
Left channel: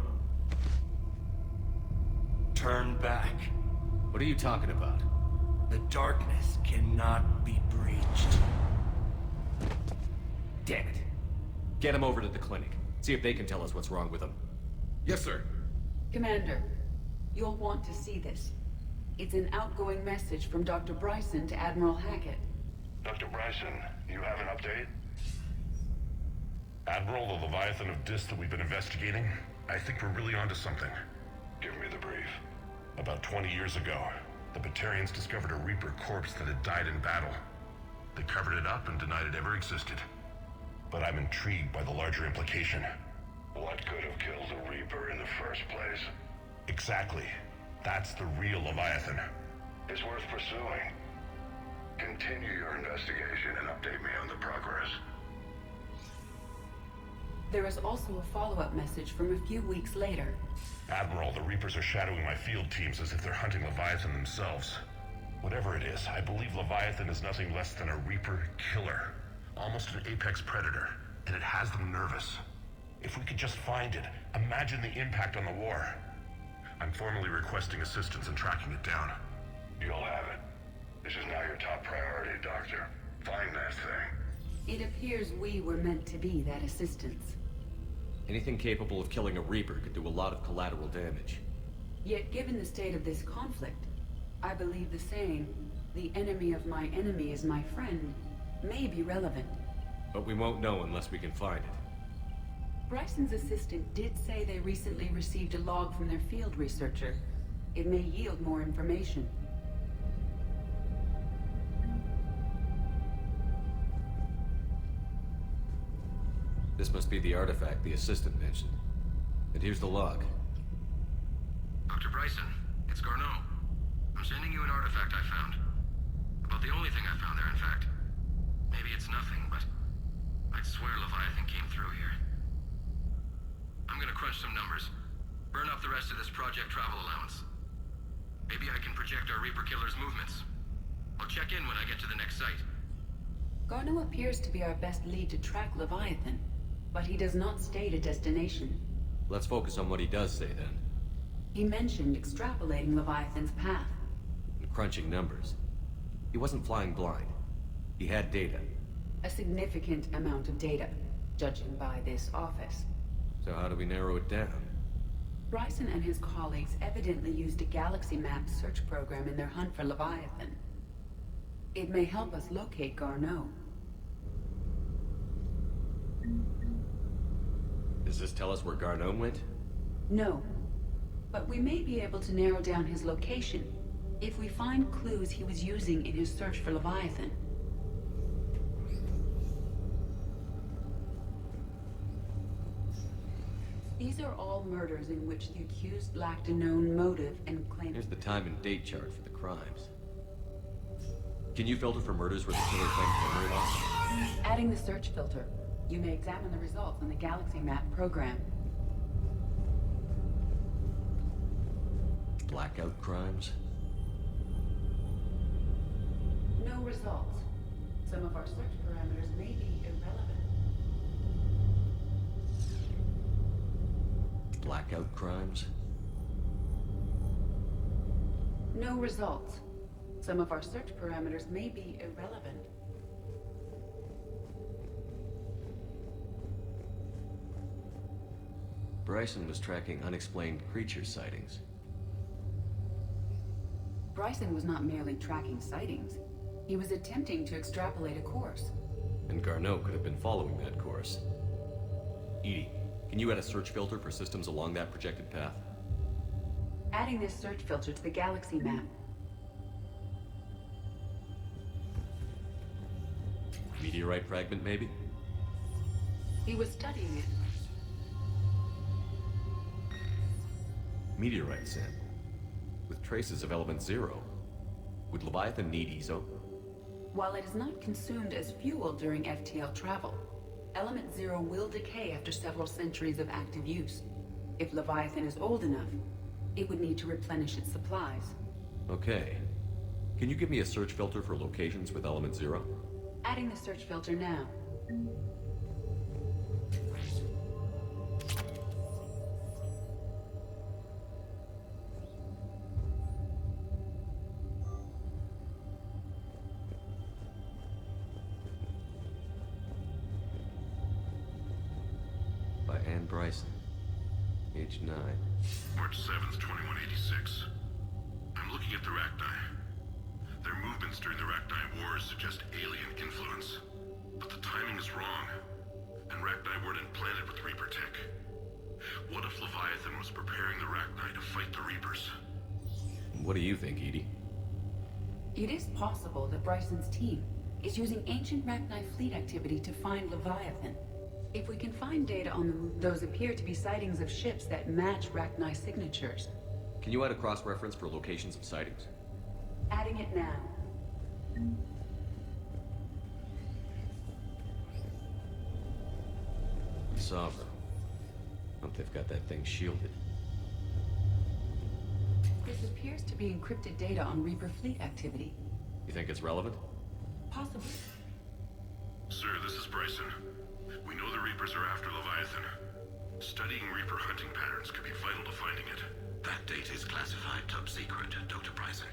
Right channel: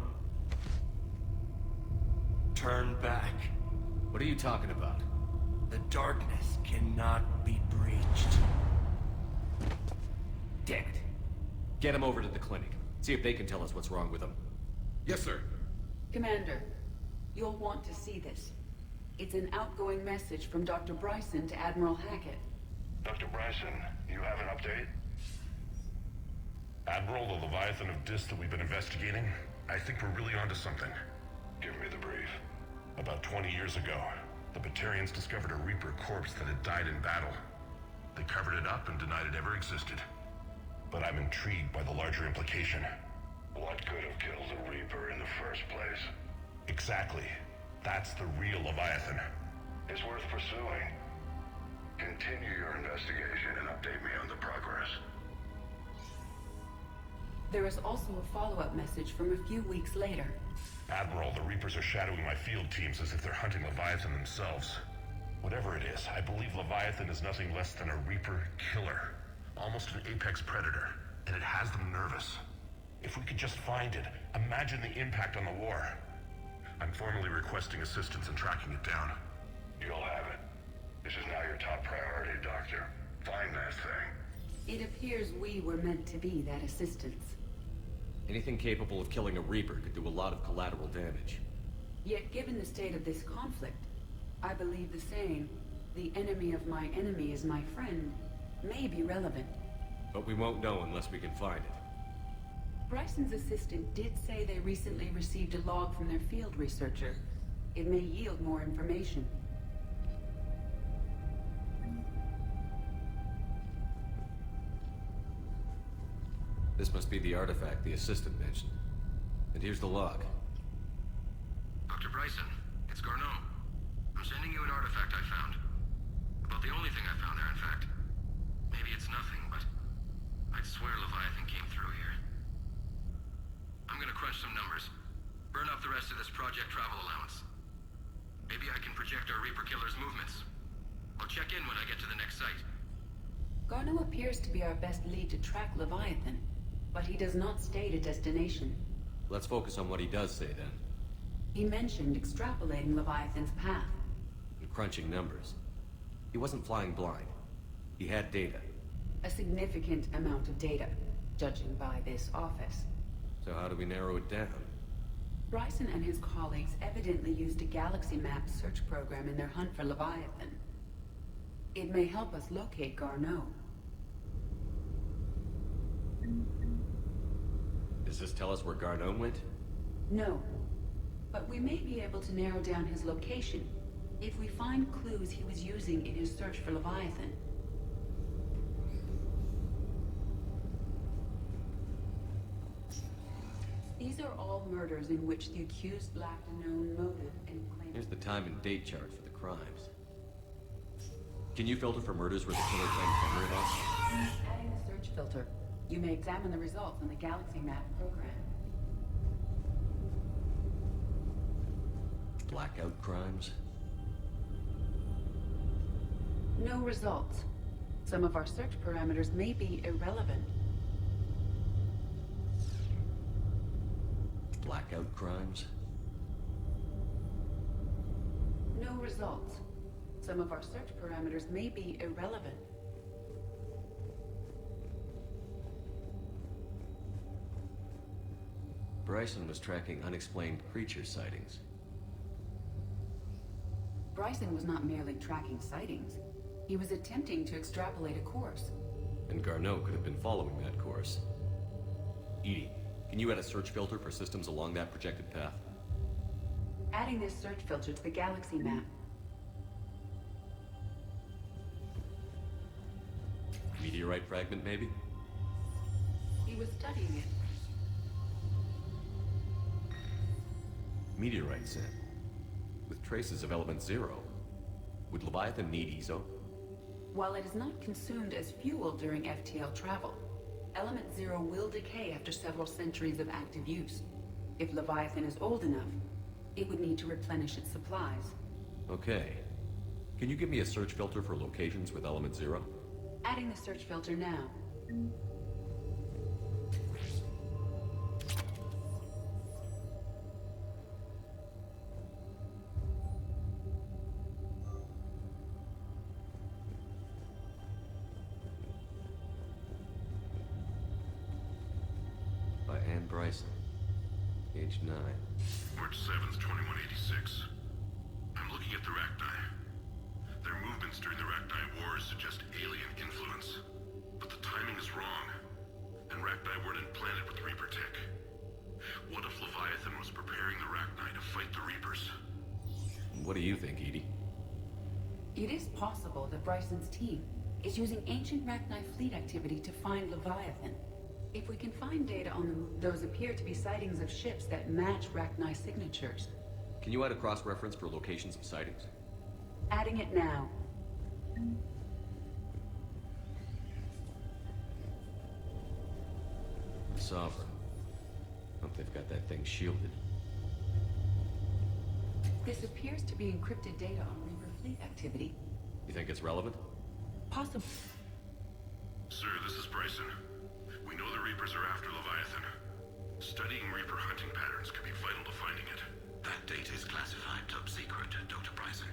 Turn back. What are you talking about? The darkness cannot be breached. Damn it. Get him over to the clinic. See if they can tell us what's wrong with him. Yes, sir. Commander, you'll want to see this. It's an outgoing message from Dr. Bryson to Admiral Hackett. Dr. Bryson, you have an update? Admiral, the Leviathan of Dis that we've been investigating, I think we're really onto something. Give me the brief. About 20 years ago, the Batarians discovered a Reaper corpse that had died in battle. They covered it up and denied it ever existed. But I'm intrigued by the larger implication. What could have killed the Reaper in the first place? Exactly. That's the real Leviathan. It's worth pursuing. Continue your investigation and update me on the progress. There is also a follow-up message from a few weeks later. Admiral, the Reapers are shadowing my field teams as if they're hunting Leviathan themselves. Whatever it is, I believe Leviathan is nothing less than a Reaper killer. Almost an apex predator, and it has them nervous. If we could just find it, imagine the impact on the war. I'm formally requesting assistance in tracking it down. You'll have it. This is now your top priority, Doctor. Find that thing. It appears we were meant to be that assistance. Anything capable of killing a Reaper could do a lot of collateral damage. Yet given the state of this conflict, I believe the saying, "The enemy of my enemy is my friend," may be relevant. But we won't know unless we can find it. Bryson's assistant did say they recently received a log from their field researcher. It may yield more information. This must be the artifact the assistant mentioned. And here's the log. Dr. Bryson, it's Garneau. I'm sending you an artifact I found. About the only thing I found there, in fact. Maybe it's nothing, but I'd swear Leviathan came through here. I'm gonna crunch some numbers. Burn up the rest of this project travel allowance. Maybe I can project our Reaper killer's movements. I'll check in when I get to the next site. Garneau appears to be our best lead to track Leviathan, but he does not state a destination. Let's focus on what he does say, then. He mentioned extrapolating Leviathan's path. And crunching numbers. He wasn't flying blind. He had data. A significant amount of data, judging by this office. So how do we narrow it down? Bryson and his colleagues evidently used a galaxy map search program in their hunt for Leviathan. It may help us locate Garneau. Does this tell us where Garneau went? No. But we may be able to narrow down his location if we find clues he was using in his search for Leviathan. These are all murders in which the accused lacked a known motive and claimed... Here's the time and date chart for the crimes. Can you filter for murders where the killer claimed murder? Adding the search filter, you may examine the results on the Galaxy Map program. Blackout crimes? No results. Some of our search parameters may be irrelevant. Blackout crimes? No results. Some of our search parameters may be irrelevant. Bryson was tracking unexplained creature sightings. Bryson was not merely tracking sightings. He was attempting to extrapolate a course. And Garneau could have been following that course. Edie, can you add a search filter for systems along that projected path? Adding this search filter to the Galaxy Map. Meteorite fragment, maybe? He was studying it. Meteorite set. With traces of element 0. Would Leviathan need ESO? While it is not consumed as fuel during FTL travel, element 0 will decay after several centuries of active use. If Leviathan is old enough, it would need to replenish its supplies. Okay. Can you give me a search filter for locations with element 0? Adding the search filter now. By Anne Bryson. Age 9. March 7th, 2186. I'm looking at the Rachni. Their movements during the Rachni Wars suggest alien influence. But the timing is wrong. And Rachni weren't implanted with Reaper tech. What if Leviathan was preparing the Rachni to fight the Reapers? What do you think, Edie? It is possible that Bryson's team is using ancient Rachni fleet activity to find Leviathan. If we can find data on those appear to be sightings of ships that match Rachni signatures. Can you add a cross-reference for locations of sightings? Adding it now. Sovereign. Hope they've got that thing shielded. This appears to be encrypted data on Reaper fleet activity. You think it's relevant? Possibly. Sir, this is Bryson. We know the Reapers are after Leviathan. Studying Reaper hunting patterns could be vital to finding it. That data is classified top secret, Dr. Bryson.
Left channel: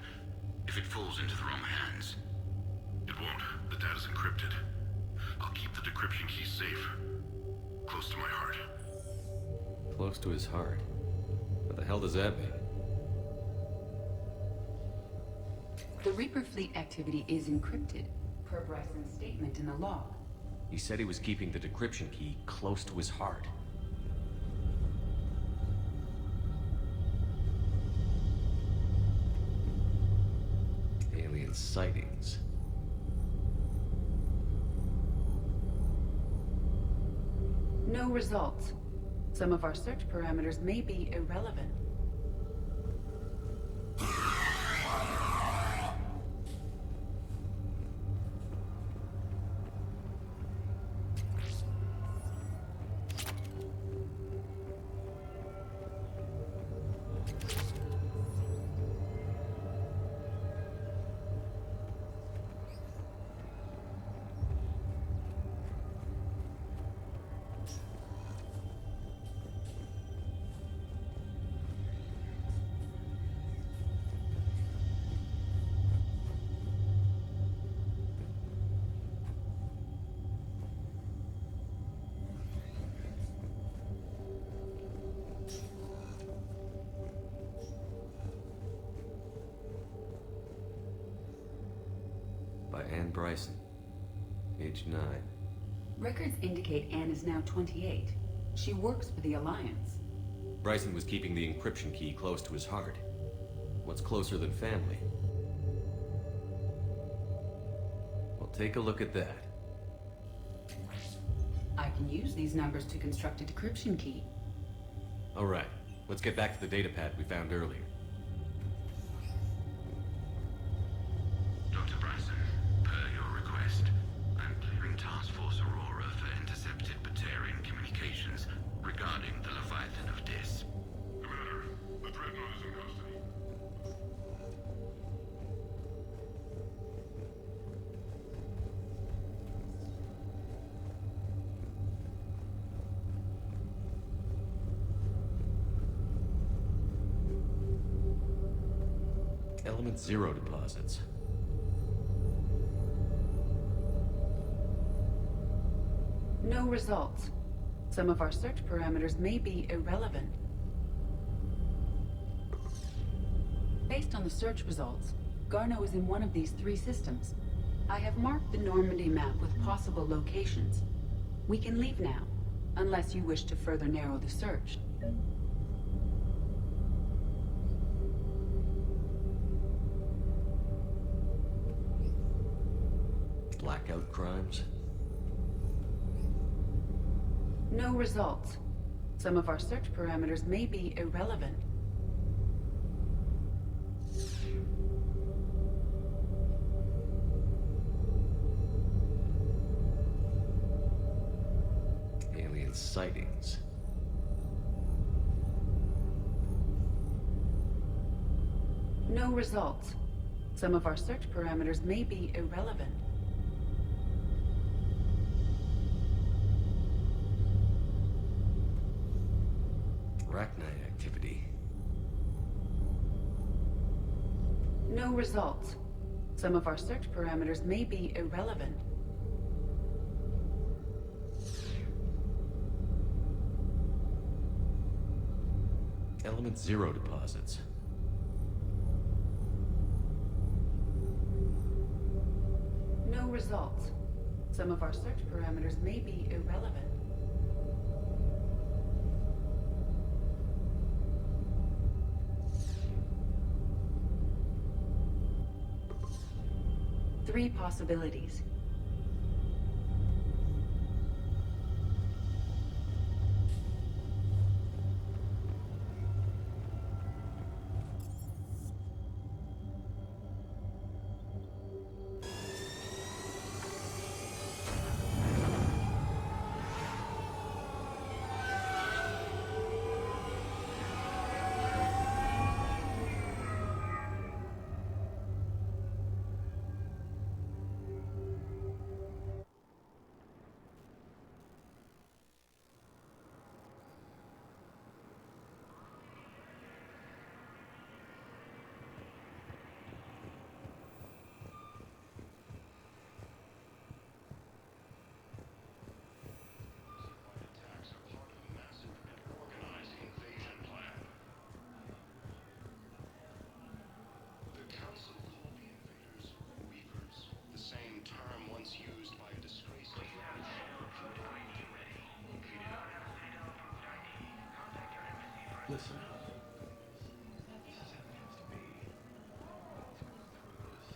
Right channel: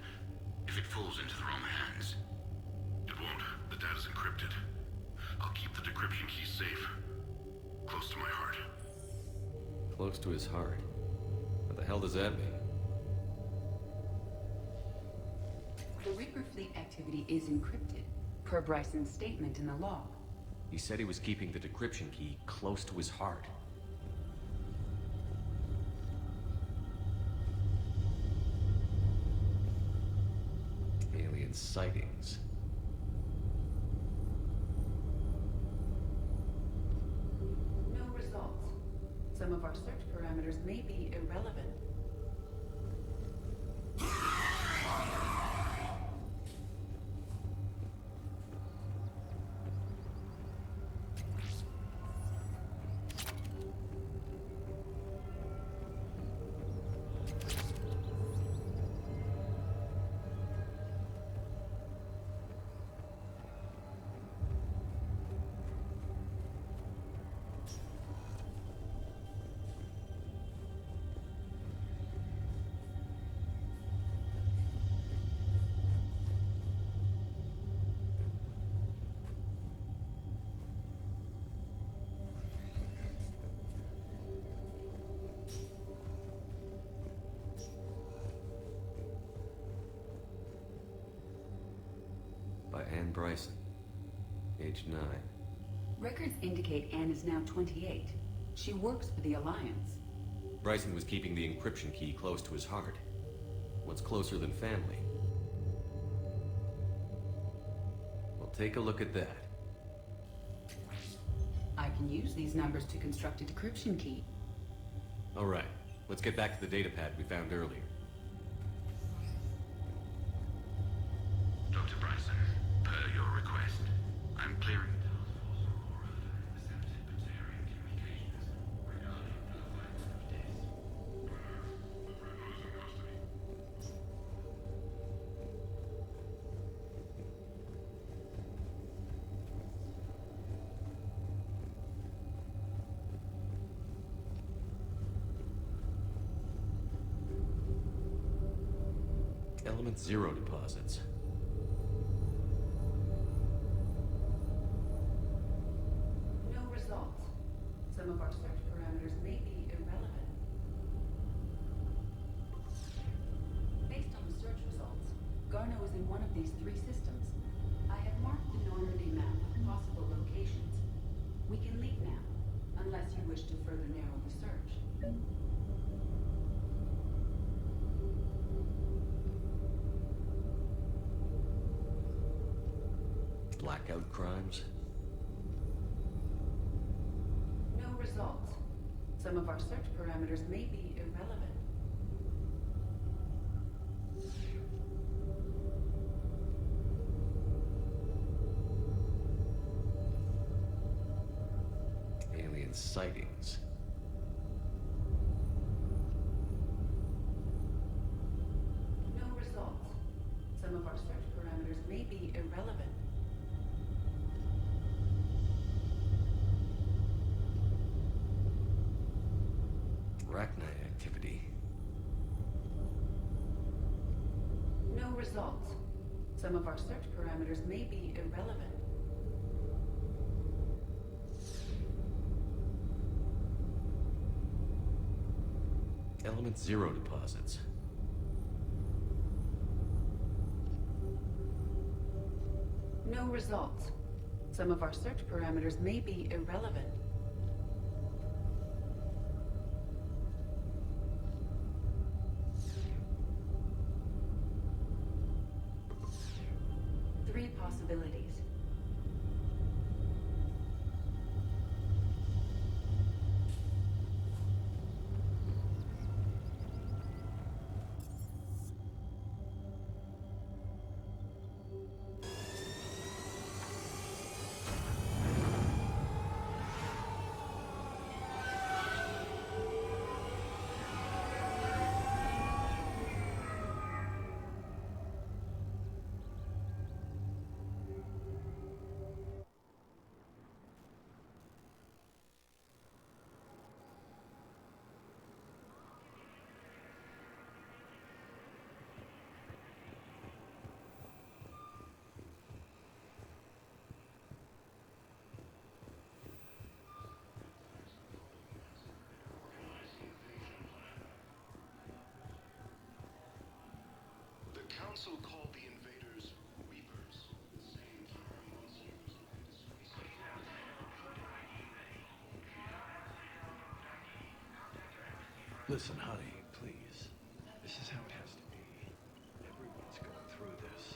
If it falls into the wrong hands... It won't. The data's encrypted. I'll keep the decryption key safe. Close to my heart. Close to his heart? What the hell does that mean? The Reaper fleet activity is encrypted, per Bryson's statement in the log. He said he was keeping the decryption key close to his heart. Alien sightings. No results. Some of our search parameters may be irrelevant. Bryson. Age 9. Records indicate Anne is now 28. She works for the Alliance. Bryson was keeping the encryption key close to his heart. What's closer than family? Well, take a look at that. I can use these numbers to construct a decryption key. All right, let's get back to the datapad we found earlier. Dr. Bryson, per your request, I'm clearing Task Force Aurora for intercepted Batarian communications regarding the Leviathan of Dis. Commander, the Dreadnought is in custody. Element 0 deposits. No results. Some of our search parameters may be irrelevant. Based on the search results, Garneau is in one of these 3 systems. I have marked the Normandy map with possible locations. We can leave now, unless you wish to further narrow the search. Blackout crimes? No results. Some of our search parameters may be irrelevant. Alien sightings. No results. Some of our search parameters may be irrelevant. Arachnite activity. No results. Some of our search parameters may be irrelevant. Element 0 deposits. No results. Some of our search parameters may be irrelevant. Three possibilities. Listen, honey, please. This is how it has to be. Let's go through this.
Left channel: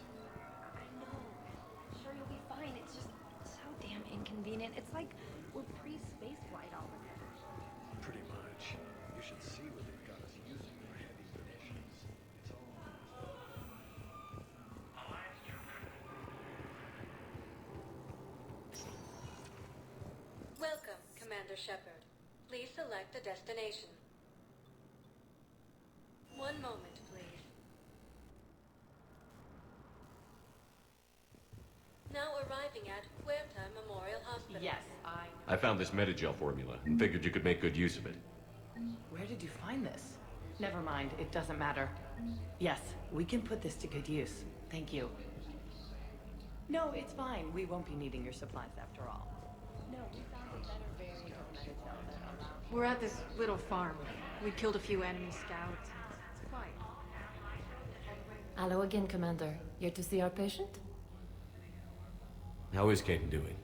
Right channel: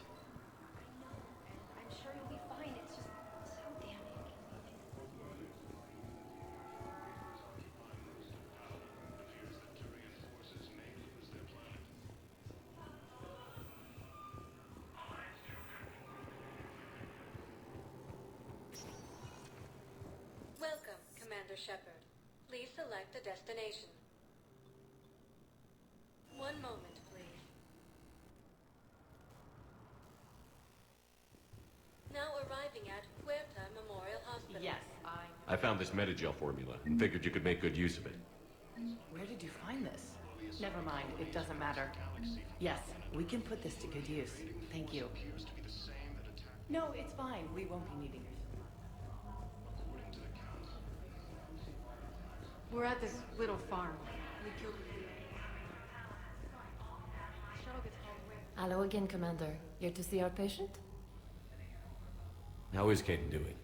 I'm sure you'll be fine. It's just so damn inconvenient. It's like we're pre-space flight already. Pretty much. You should see what we've got as using their hands, their lives. It's all Welcome, Commander Shepard. Please select a destination. One moment, please. Now arriving at Huerta Memorial Hospital. Yes, I found this metagel formula and figured you could make good use of it. Where did you find this? Never mind, it doesn't matter. Yes, we can put this to good use. Thank you. No, it's fine. We won't be needing your supplies after all. We're at this little farm. We killed a few enemy scouts. It's fine. Hello again, Commander. Here to see our patient? How is Kaidan doing?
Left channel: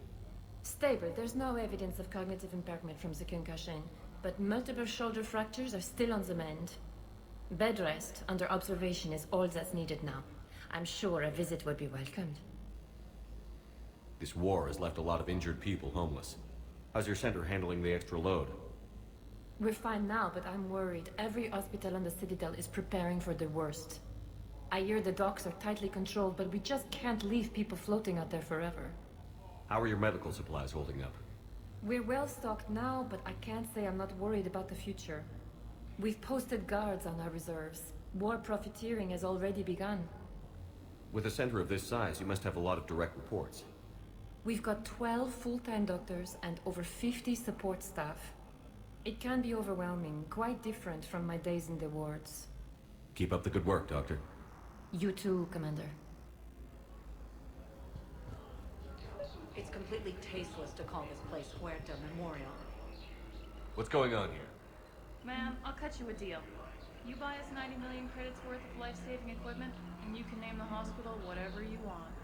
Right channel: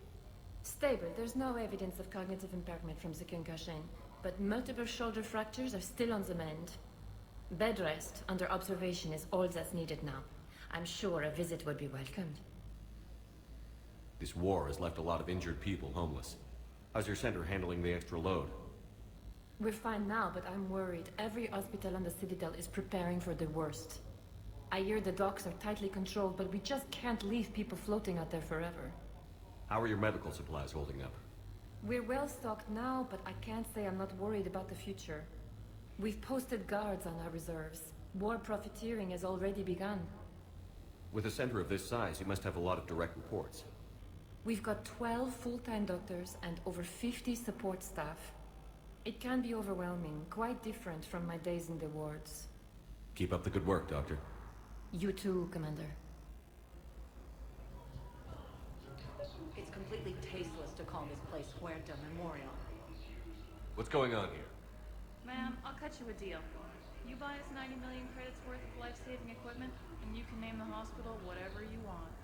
Stable. There's no evidence of cognitive impairment from the concussion, but multiple shoulder fractures are still on the mend. Bed rest under observation is all that's needed now. I'm sure a visit would be welcomed. This war has left a lot of injured people homeless. How's your center handling the extra load? We're fine now, but I'm worried. Every hospital on the Citadel is preparing for the worst. I hear the docks are tightly controlled, but we just can't leave people floating out there forever. How are your medical supplies holding up? We're well stocked now, but I can't say I'm not worried about the future. We've posted guards on our reserves. War profiteering has already begun. With a center of this size, you must have a lot of direct reports. We've got 12 full-time doctors and over 50 support staff. It can be overwhelming, quite different from my days in the wards. Keep up the good work, Doctor. You too, Commander. It's completely tasteless to call this place Huerta Memorial. What's going on here? Ma'am, I'll cut you a deal. You buy us 90 million credits worth of life-saving equipment, and you can name the hospital whatever you want.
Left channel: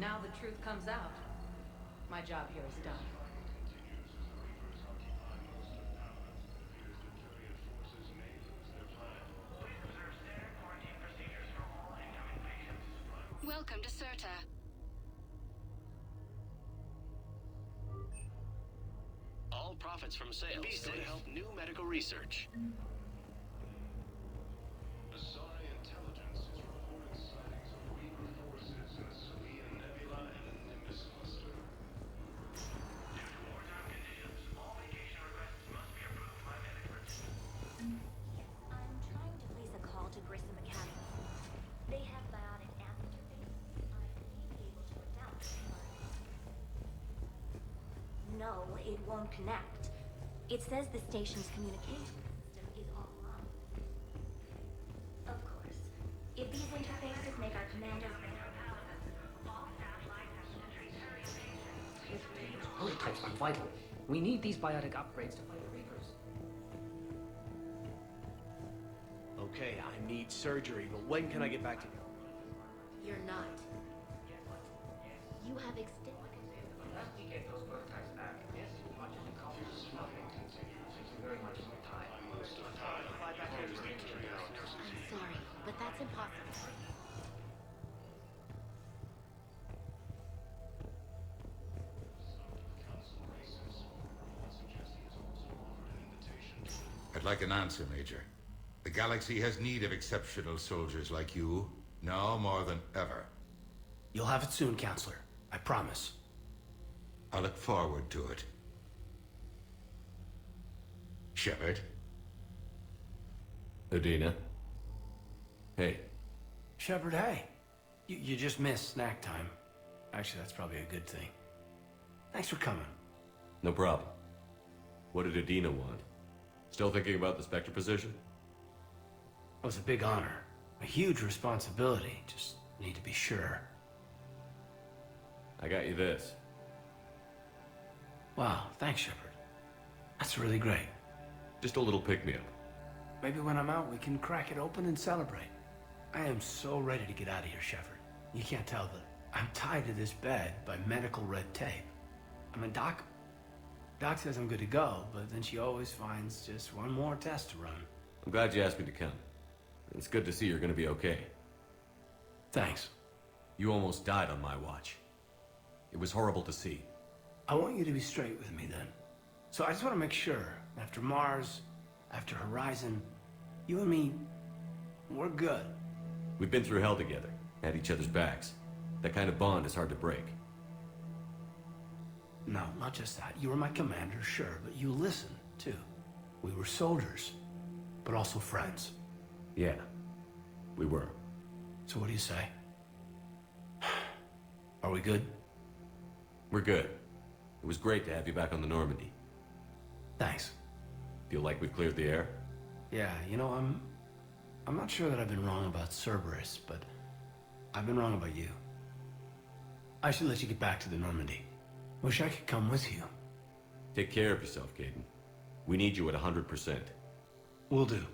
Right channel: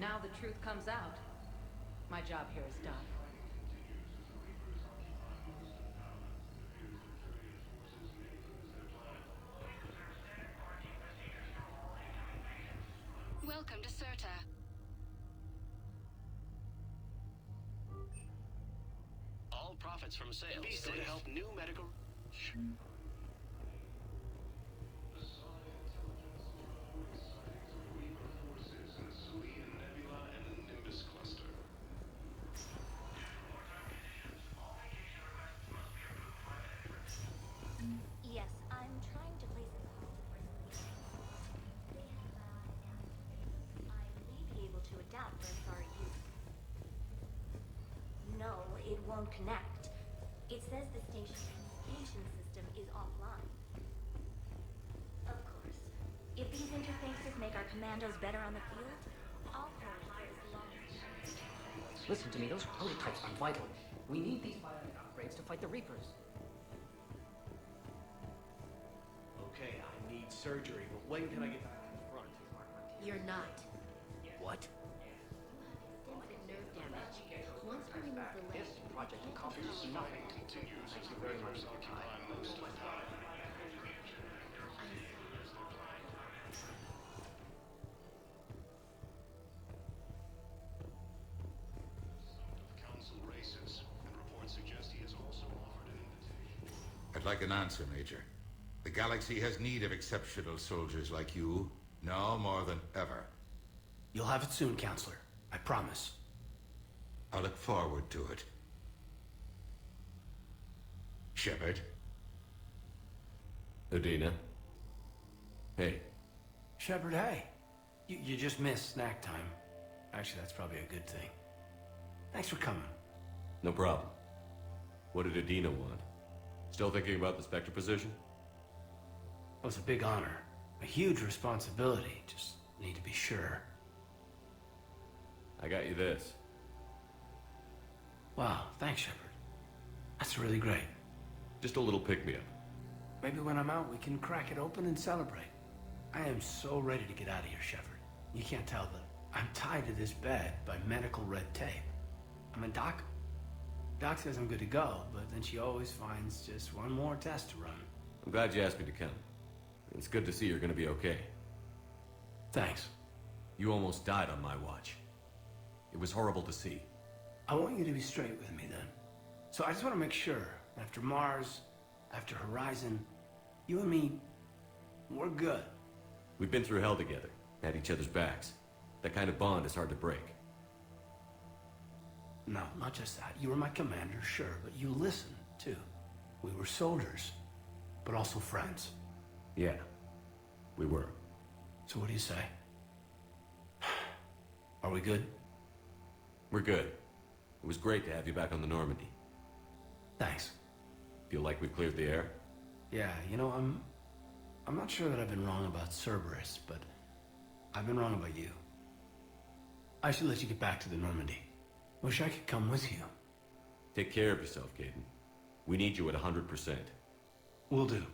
Now the truth comes out. My job here is done. Welcome to Serta. All profits from sales go to help new medical research. Yes, I'm trying to place a call to Brayson Mechanics. They have bionic amplifiers. I may be able to adapt their sorry pieces. No, it won't connect. It says the station's communication system is offline. Of course. If these interfaces make our commandos better on the field, all Listen to me, those prototypes are vital. We need these biotic upgrades to fight the Reapers. Okay, I need surgery, but when can I get back to you? You're not. What? You have extensive nerve damage. Once we remove the nerve, I'm sorry, but that's impossible. I'd like an answer, Major. The galaxy has need of exceptional soldiers like you, now more than ever. You'll have it soon, Counselor. I promise. I look forward to it. Shepard? Udina? Hey. Shepard, hey. You just missed snack time. Actually, that's probably a good thing. Thanks for coming. No problem. What did Udina want? Still thinking about the Spectre position? It was a big honor. A huge responsibility. Just need to be sure. I got you this. Wow, thanks, Shepard. That's really great. Just a little pick-me-up. Maybe when I'm out, we can crack it open and celebrate. I am so ready to get out of here, Shepard. You can't tell, but I'm tied to this bed by medical red tape. I mean, Doc says I'm good to go, but then she always finds just one more test to run. I'm glad you asked me to come. It's good to see you're gonna be okay. Thanks. You almost died on my watch. It was horrible to see. I want you to be straight with me then. So I just want to make sure, after Mars, after Horizon, you and me, we're good. We've been through hell together, had each other's backs. That kind of bond is hard to break. No, not just that. You were my commander, sure, but you listened, too. We were soldiers, but also friends. Yeah, we were. So what do you say? Are we good? We're good. It was great to have you back on the Normandy. Thanks. Feel like we've cleared the air? Yeah, you know, I'm not sure that I've been wrong about Cerberus, but I've been wrong about you. I should let you get back to the Normandy. Wish I could come with you. Take care of yourself, Kaidan. We need you at 100%. Will do.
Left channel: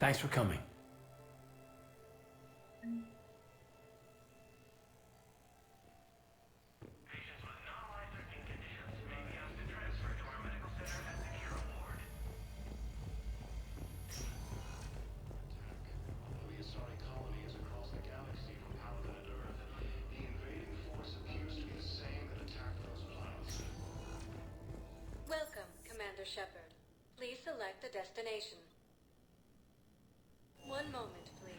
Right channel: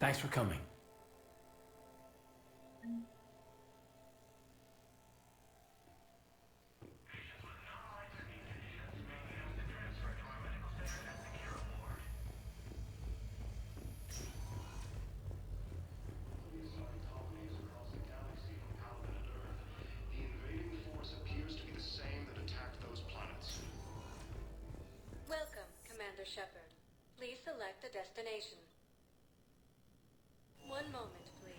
Thanks for coming. destination. One moment, please.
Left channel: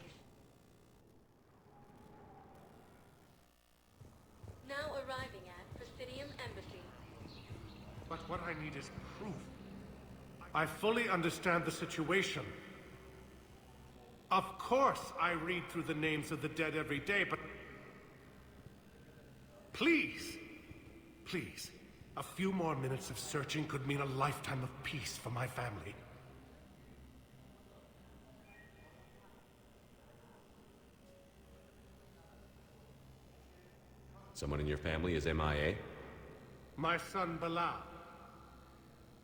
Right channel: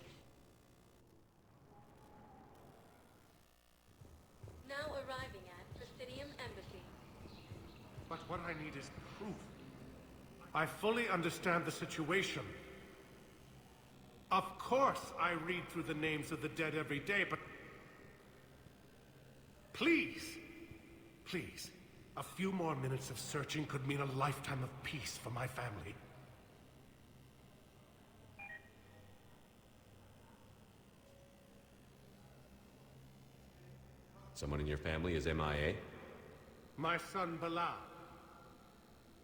Now arriving at Presidium Embassy. But what I need is proof. I fully understand the situation. Of course I read through the names of the dead every day, but... Please! Please. A few more minutes of searching could mean a lifetime of peace for my family. Someone in your family is MIA? My son Bilal.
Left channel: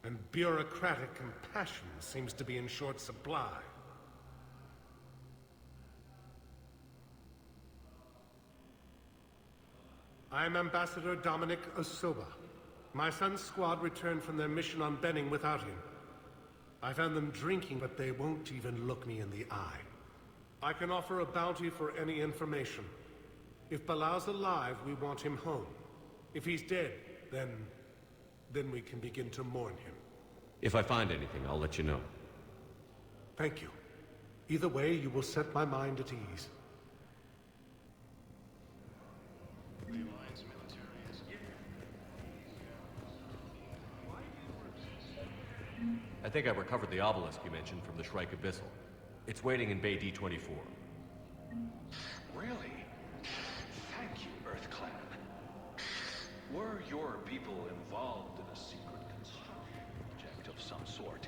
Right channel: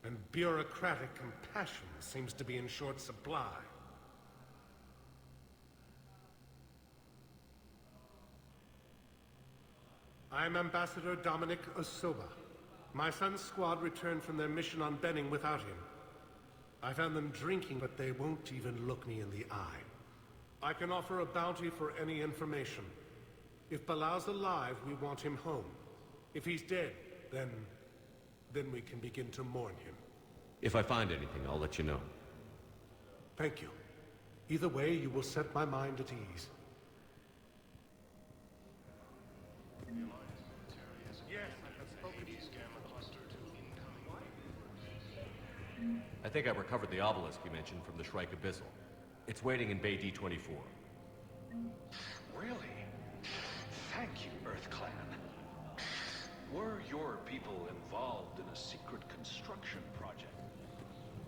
And bureaucratic compassion seems to be in short supply. I'm Ambassador Dominic Osoba. My son's squad returned from their mission on Benning without him. I found them drinking, but they won't even look me in the eye. I can offer a bounty for any information. If Bilal's alive, we want him home. If he's dead, then we can begin to mourn him. If I find anything, I'll let you know. Thank you. Either way, you will set my mind at ease. I think I've recovered the obelisk you mentioned from the Shrike Abyssal. It's waiting in Bay D-24. Really? Thank you, Earth Clan. Were your people involved in a secret construction project of some sort?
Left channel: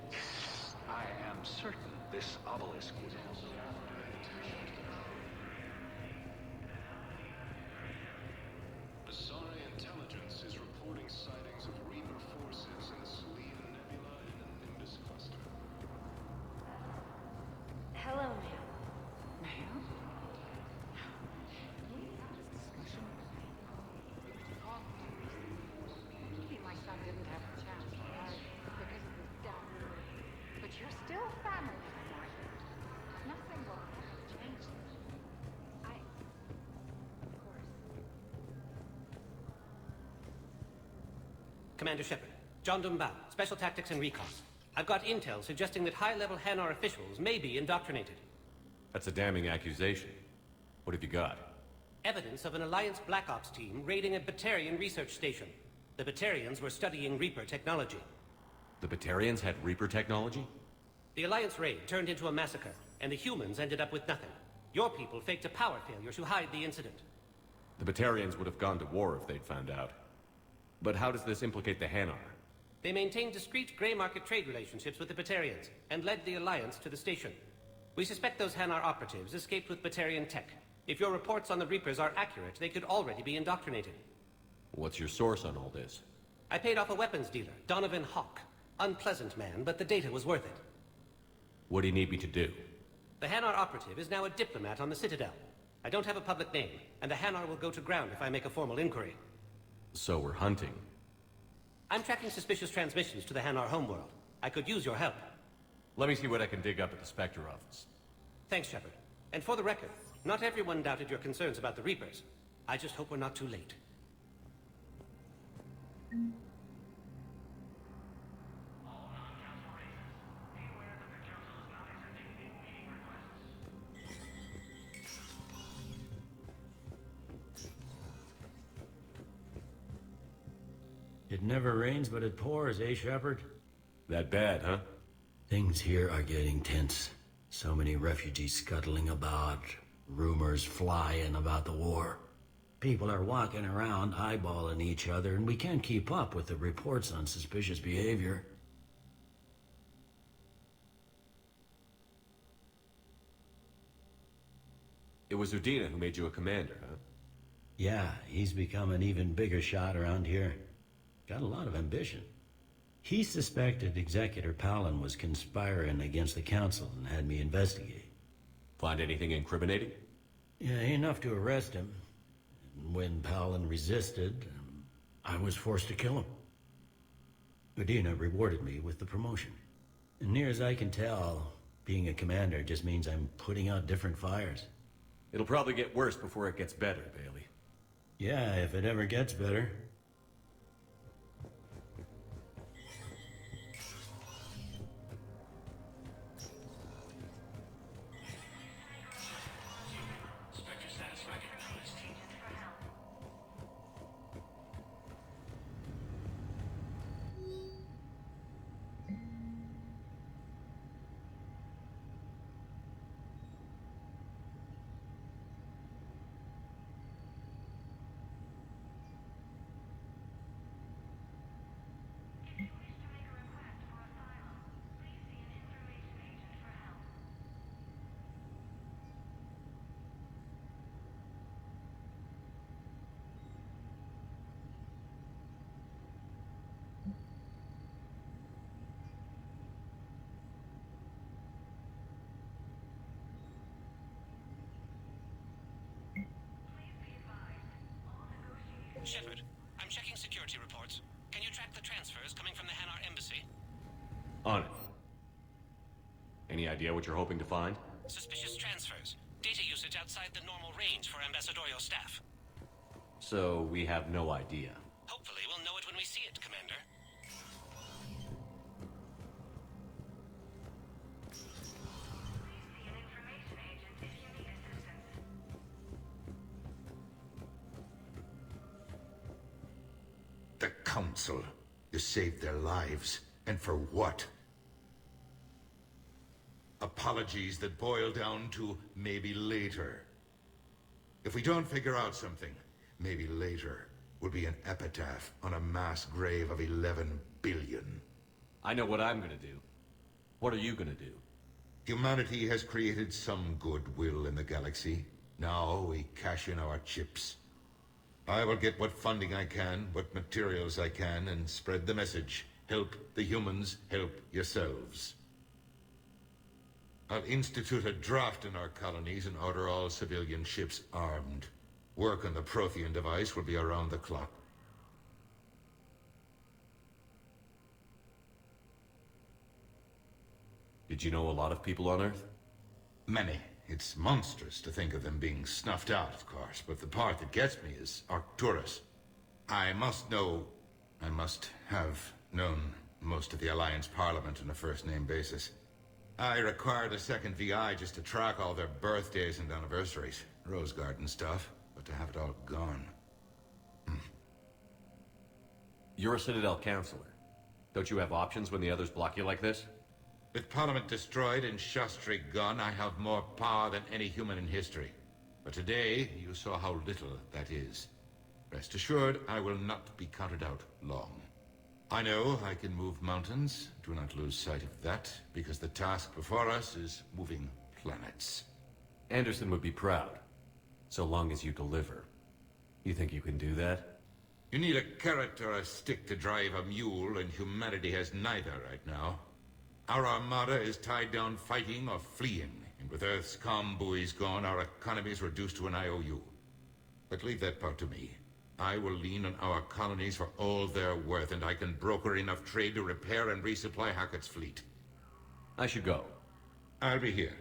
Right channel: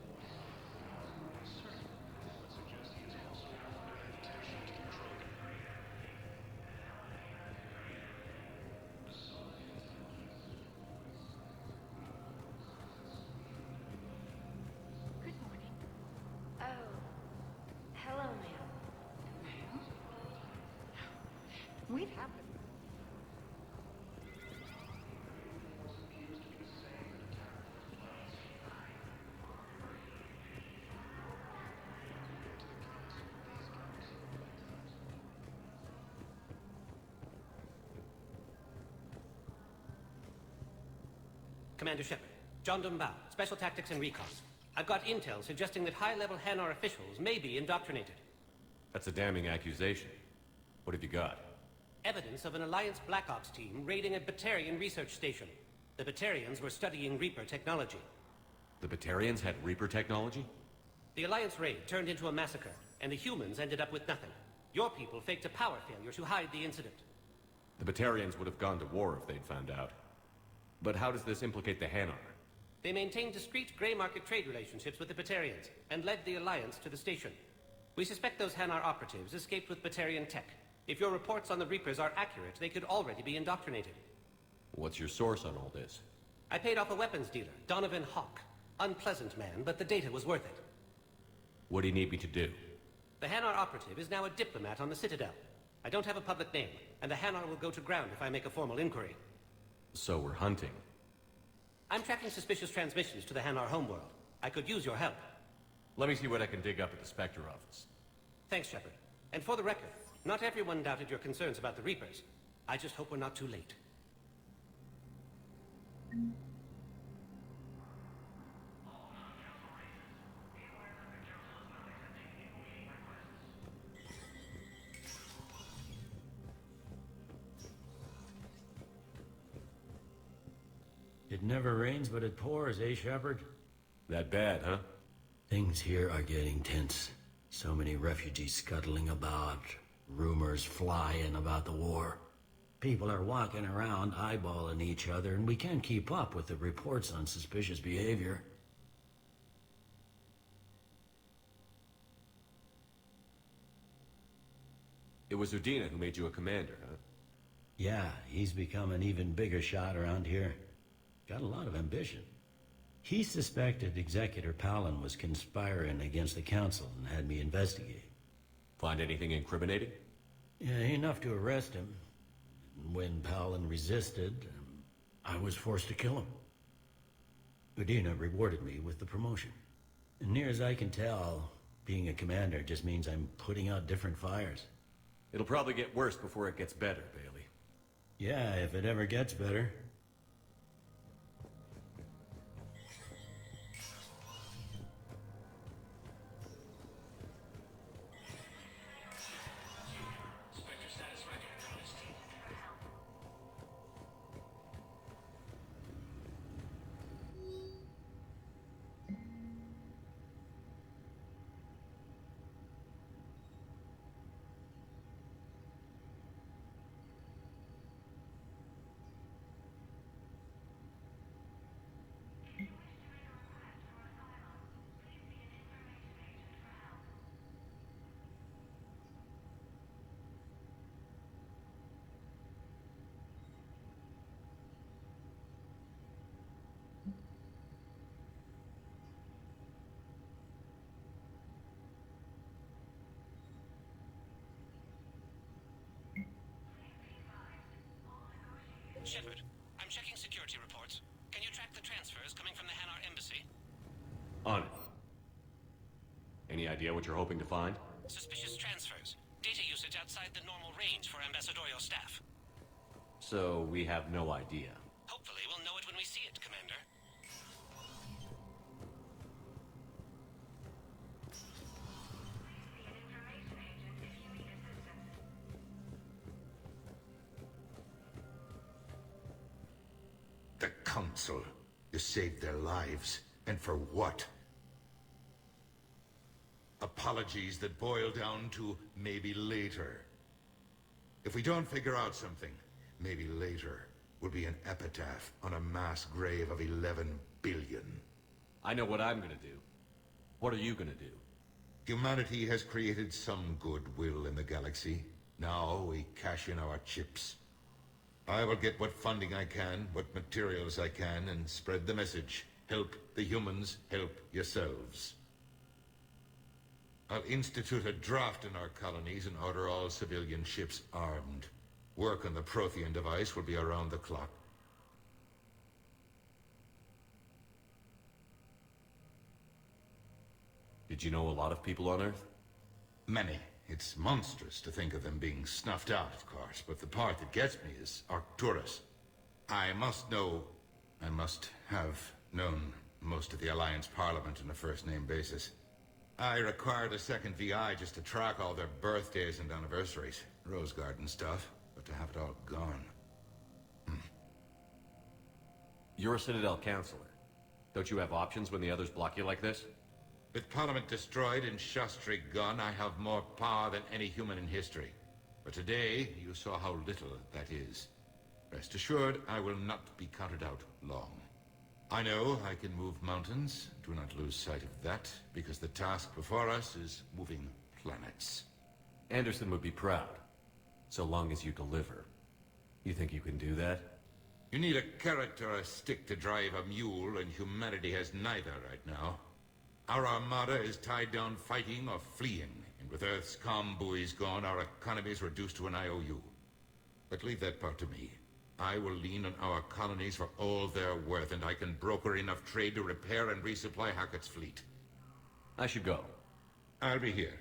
I am certain this obelisk will help. Psi intelligence is reporting sightings of Reaper forces in Sweden. Oh. Hello, ma'am. Ma'am? We've had this discussion. My son didn't have a chance to marry because of his death. But you're still family, right? Nothing will ever change it. Commander Shepard, John Dumbow, Special Tactics and Recon. I've got intel suggesting that high-level Hanar officials may be indoctrinated. That's a damning accusation. What have you got? Evidence of an Alliance Black Ops team raiding a Batarian research station. The Batarians were studying Reaper technology. The Batarians had Reaper technology? The Alliance raid turned into a massacre, and the humans ended up with nothing. Your people faked a power failure to hide the incident. The Batarians would have gone to war if they'd found out. But how does this implicate the Hanar? They maintained discreet gray market trade relationships with the Batarians, and led the Alliance to the station. We suspect those Hanar operatives escaped with Batarian tech. If your reports on the Reapers are accurate, they could already be indoctrinated. What's your source on all this? I paid off a weapons dealer, Donovan Hawk. Unpleasant man, but the data was worth it. What do you need me to do? The Hanar operative is now a diplomat on the Citadel. I don't have a public name, and the Hanar will go to ground if I make a formal inquiry. So we're hunting. I'm tracking suspicious transmissions to the Hanar homeworld. I could use your help. Let me see what I can dig up at the Spectre office. Thanks, Shepard. And for the record, not everyone doubted your concerns about the Reapers. I just hope we're not too late. It never rains, but it pours, eh, Shepard? That bad, huh? Things here are getting tense. So many refugees scuttling about, rumors flying about the war. People are walking around eyeballing each other, and we can't keep up with the reports on suspicious behavior. It was Udina who made you a commander, huh? Yeah, he's become an even bigger shot around here. Got a lot of ambition. He suspected Executor Palin was conspiring against the Council and had me investigate. Find anything incriminating? Yeah, enough to arrest him. When Palin resisted, I was forced to kill him. Udina rewarded me with the promotion. And near as I can tell, being a commander just means I'm putting out different fires. It'll probably get worse before it gets better, Bailey. Yeah, if it ever gets better. idea what you're hoping to find? Suspicious transfers. Data usage outside the normal range for ambassadorial staff. So we have no idea. Hopefully we'll know it when we see it, Commander. The Council. You saved their lives. And for what? Apologies that boil down to maybe later. If we don't figure out something, maybe later will be an epitaph on a mass grave of 11 billion. I know what I'm gonna do. What are you gonna do? Humanity has created some goodwill in the galaxy. Now we cash in our chips. I will get what funding I can, what materials I can, and spread the message. Help the humans, help yourselves. I'll institute a draft in our colonies and order all civilian ships armed. Work on the Prothean device will be around the clock. Did you know a lot of people on Earth? Many. It's monstrous to think of them being snuffed out, of course, but the part that gets me is Arcturus. I must have known most of the Alliance Parliament on a first-name basis. I required a second VI just to track all their birthdays and anniversaries. Rose Garden stuff, but to have it all gone. You're a Citadel Counselor. Don't you have options when the others block you like this? With Parliament destroyed and Shastri gone, I have more power than any human in history. But today, you saw how little that is. Rest assured, I will not be counted out long. I know I can move mountains. Do not lose sight of that, because the task before us is moving planets. Anderson would be proud, so long as you deliver. You think you can do that? You need a carrot or a stick to drive a mule, and humanity has neither right now. Our armada is tied down fighting or fleeing, and with Earth's comm buoys gone, our economy is reduced to an IOU. But leave that part to me. I will lean on our colonies for all they're worth, and I can broker enough trade to repair and resupply Hackett's fleet. I should go. I'll be here.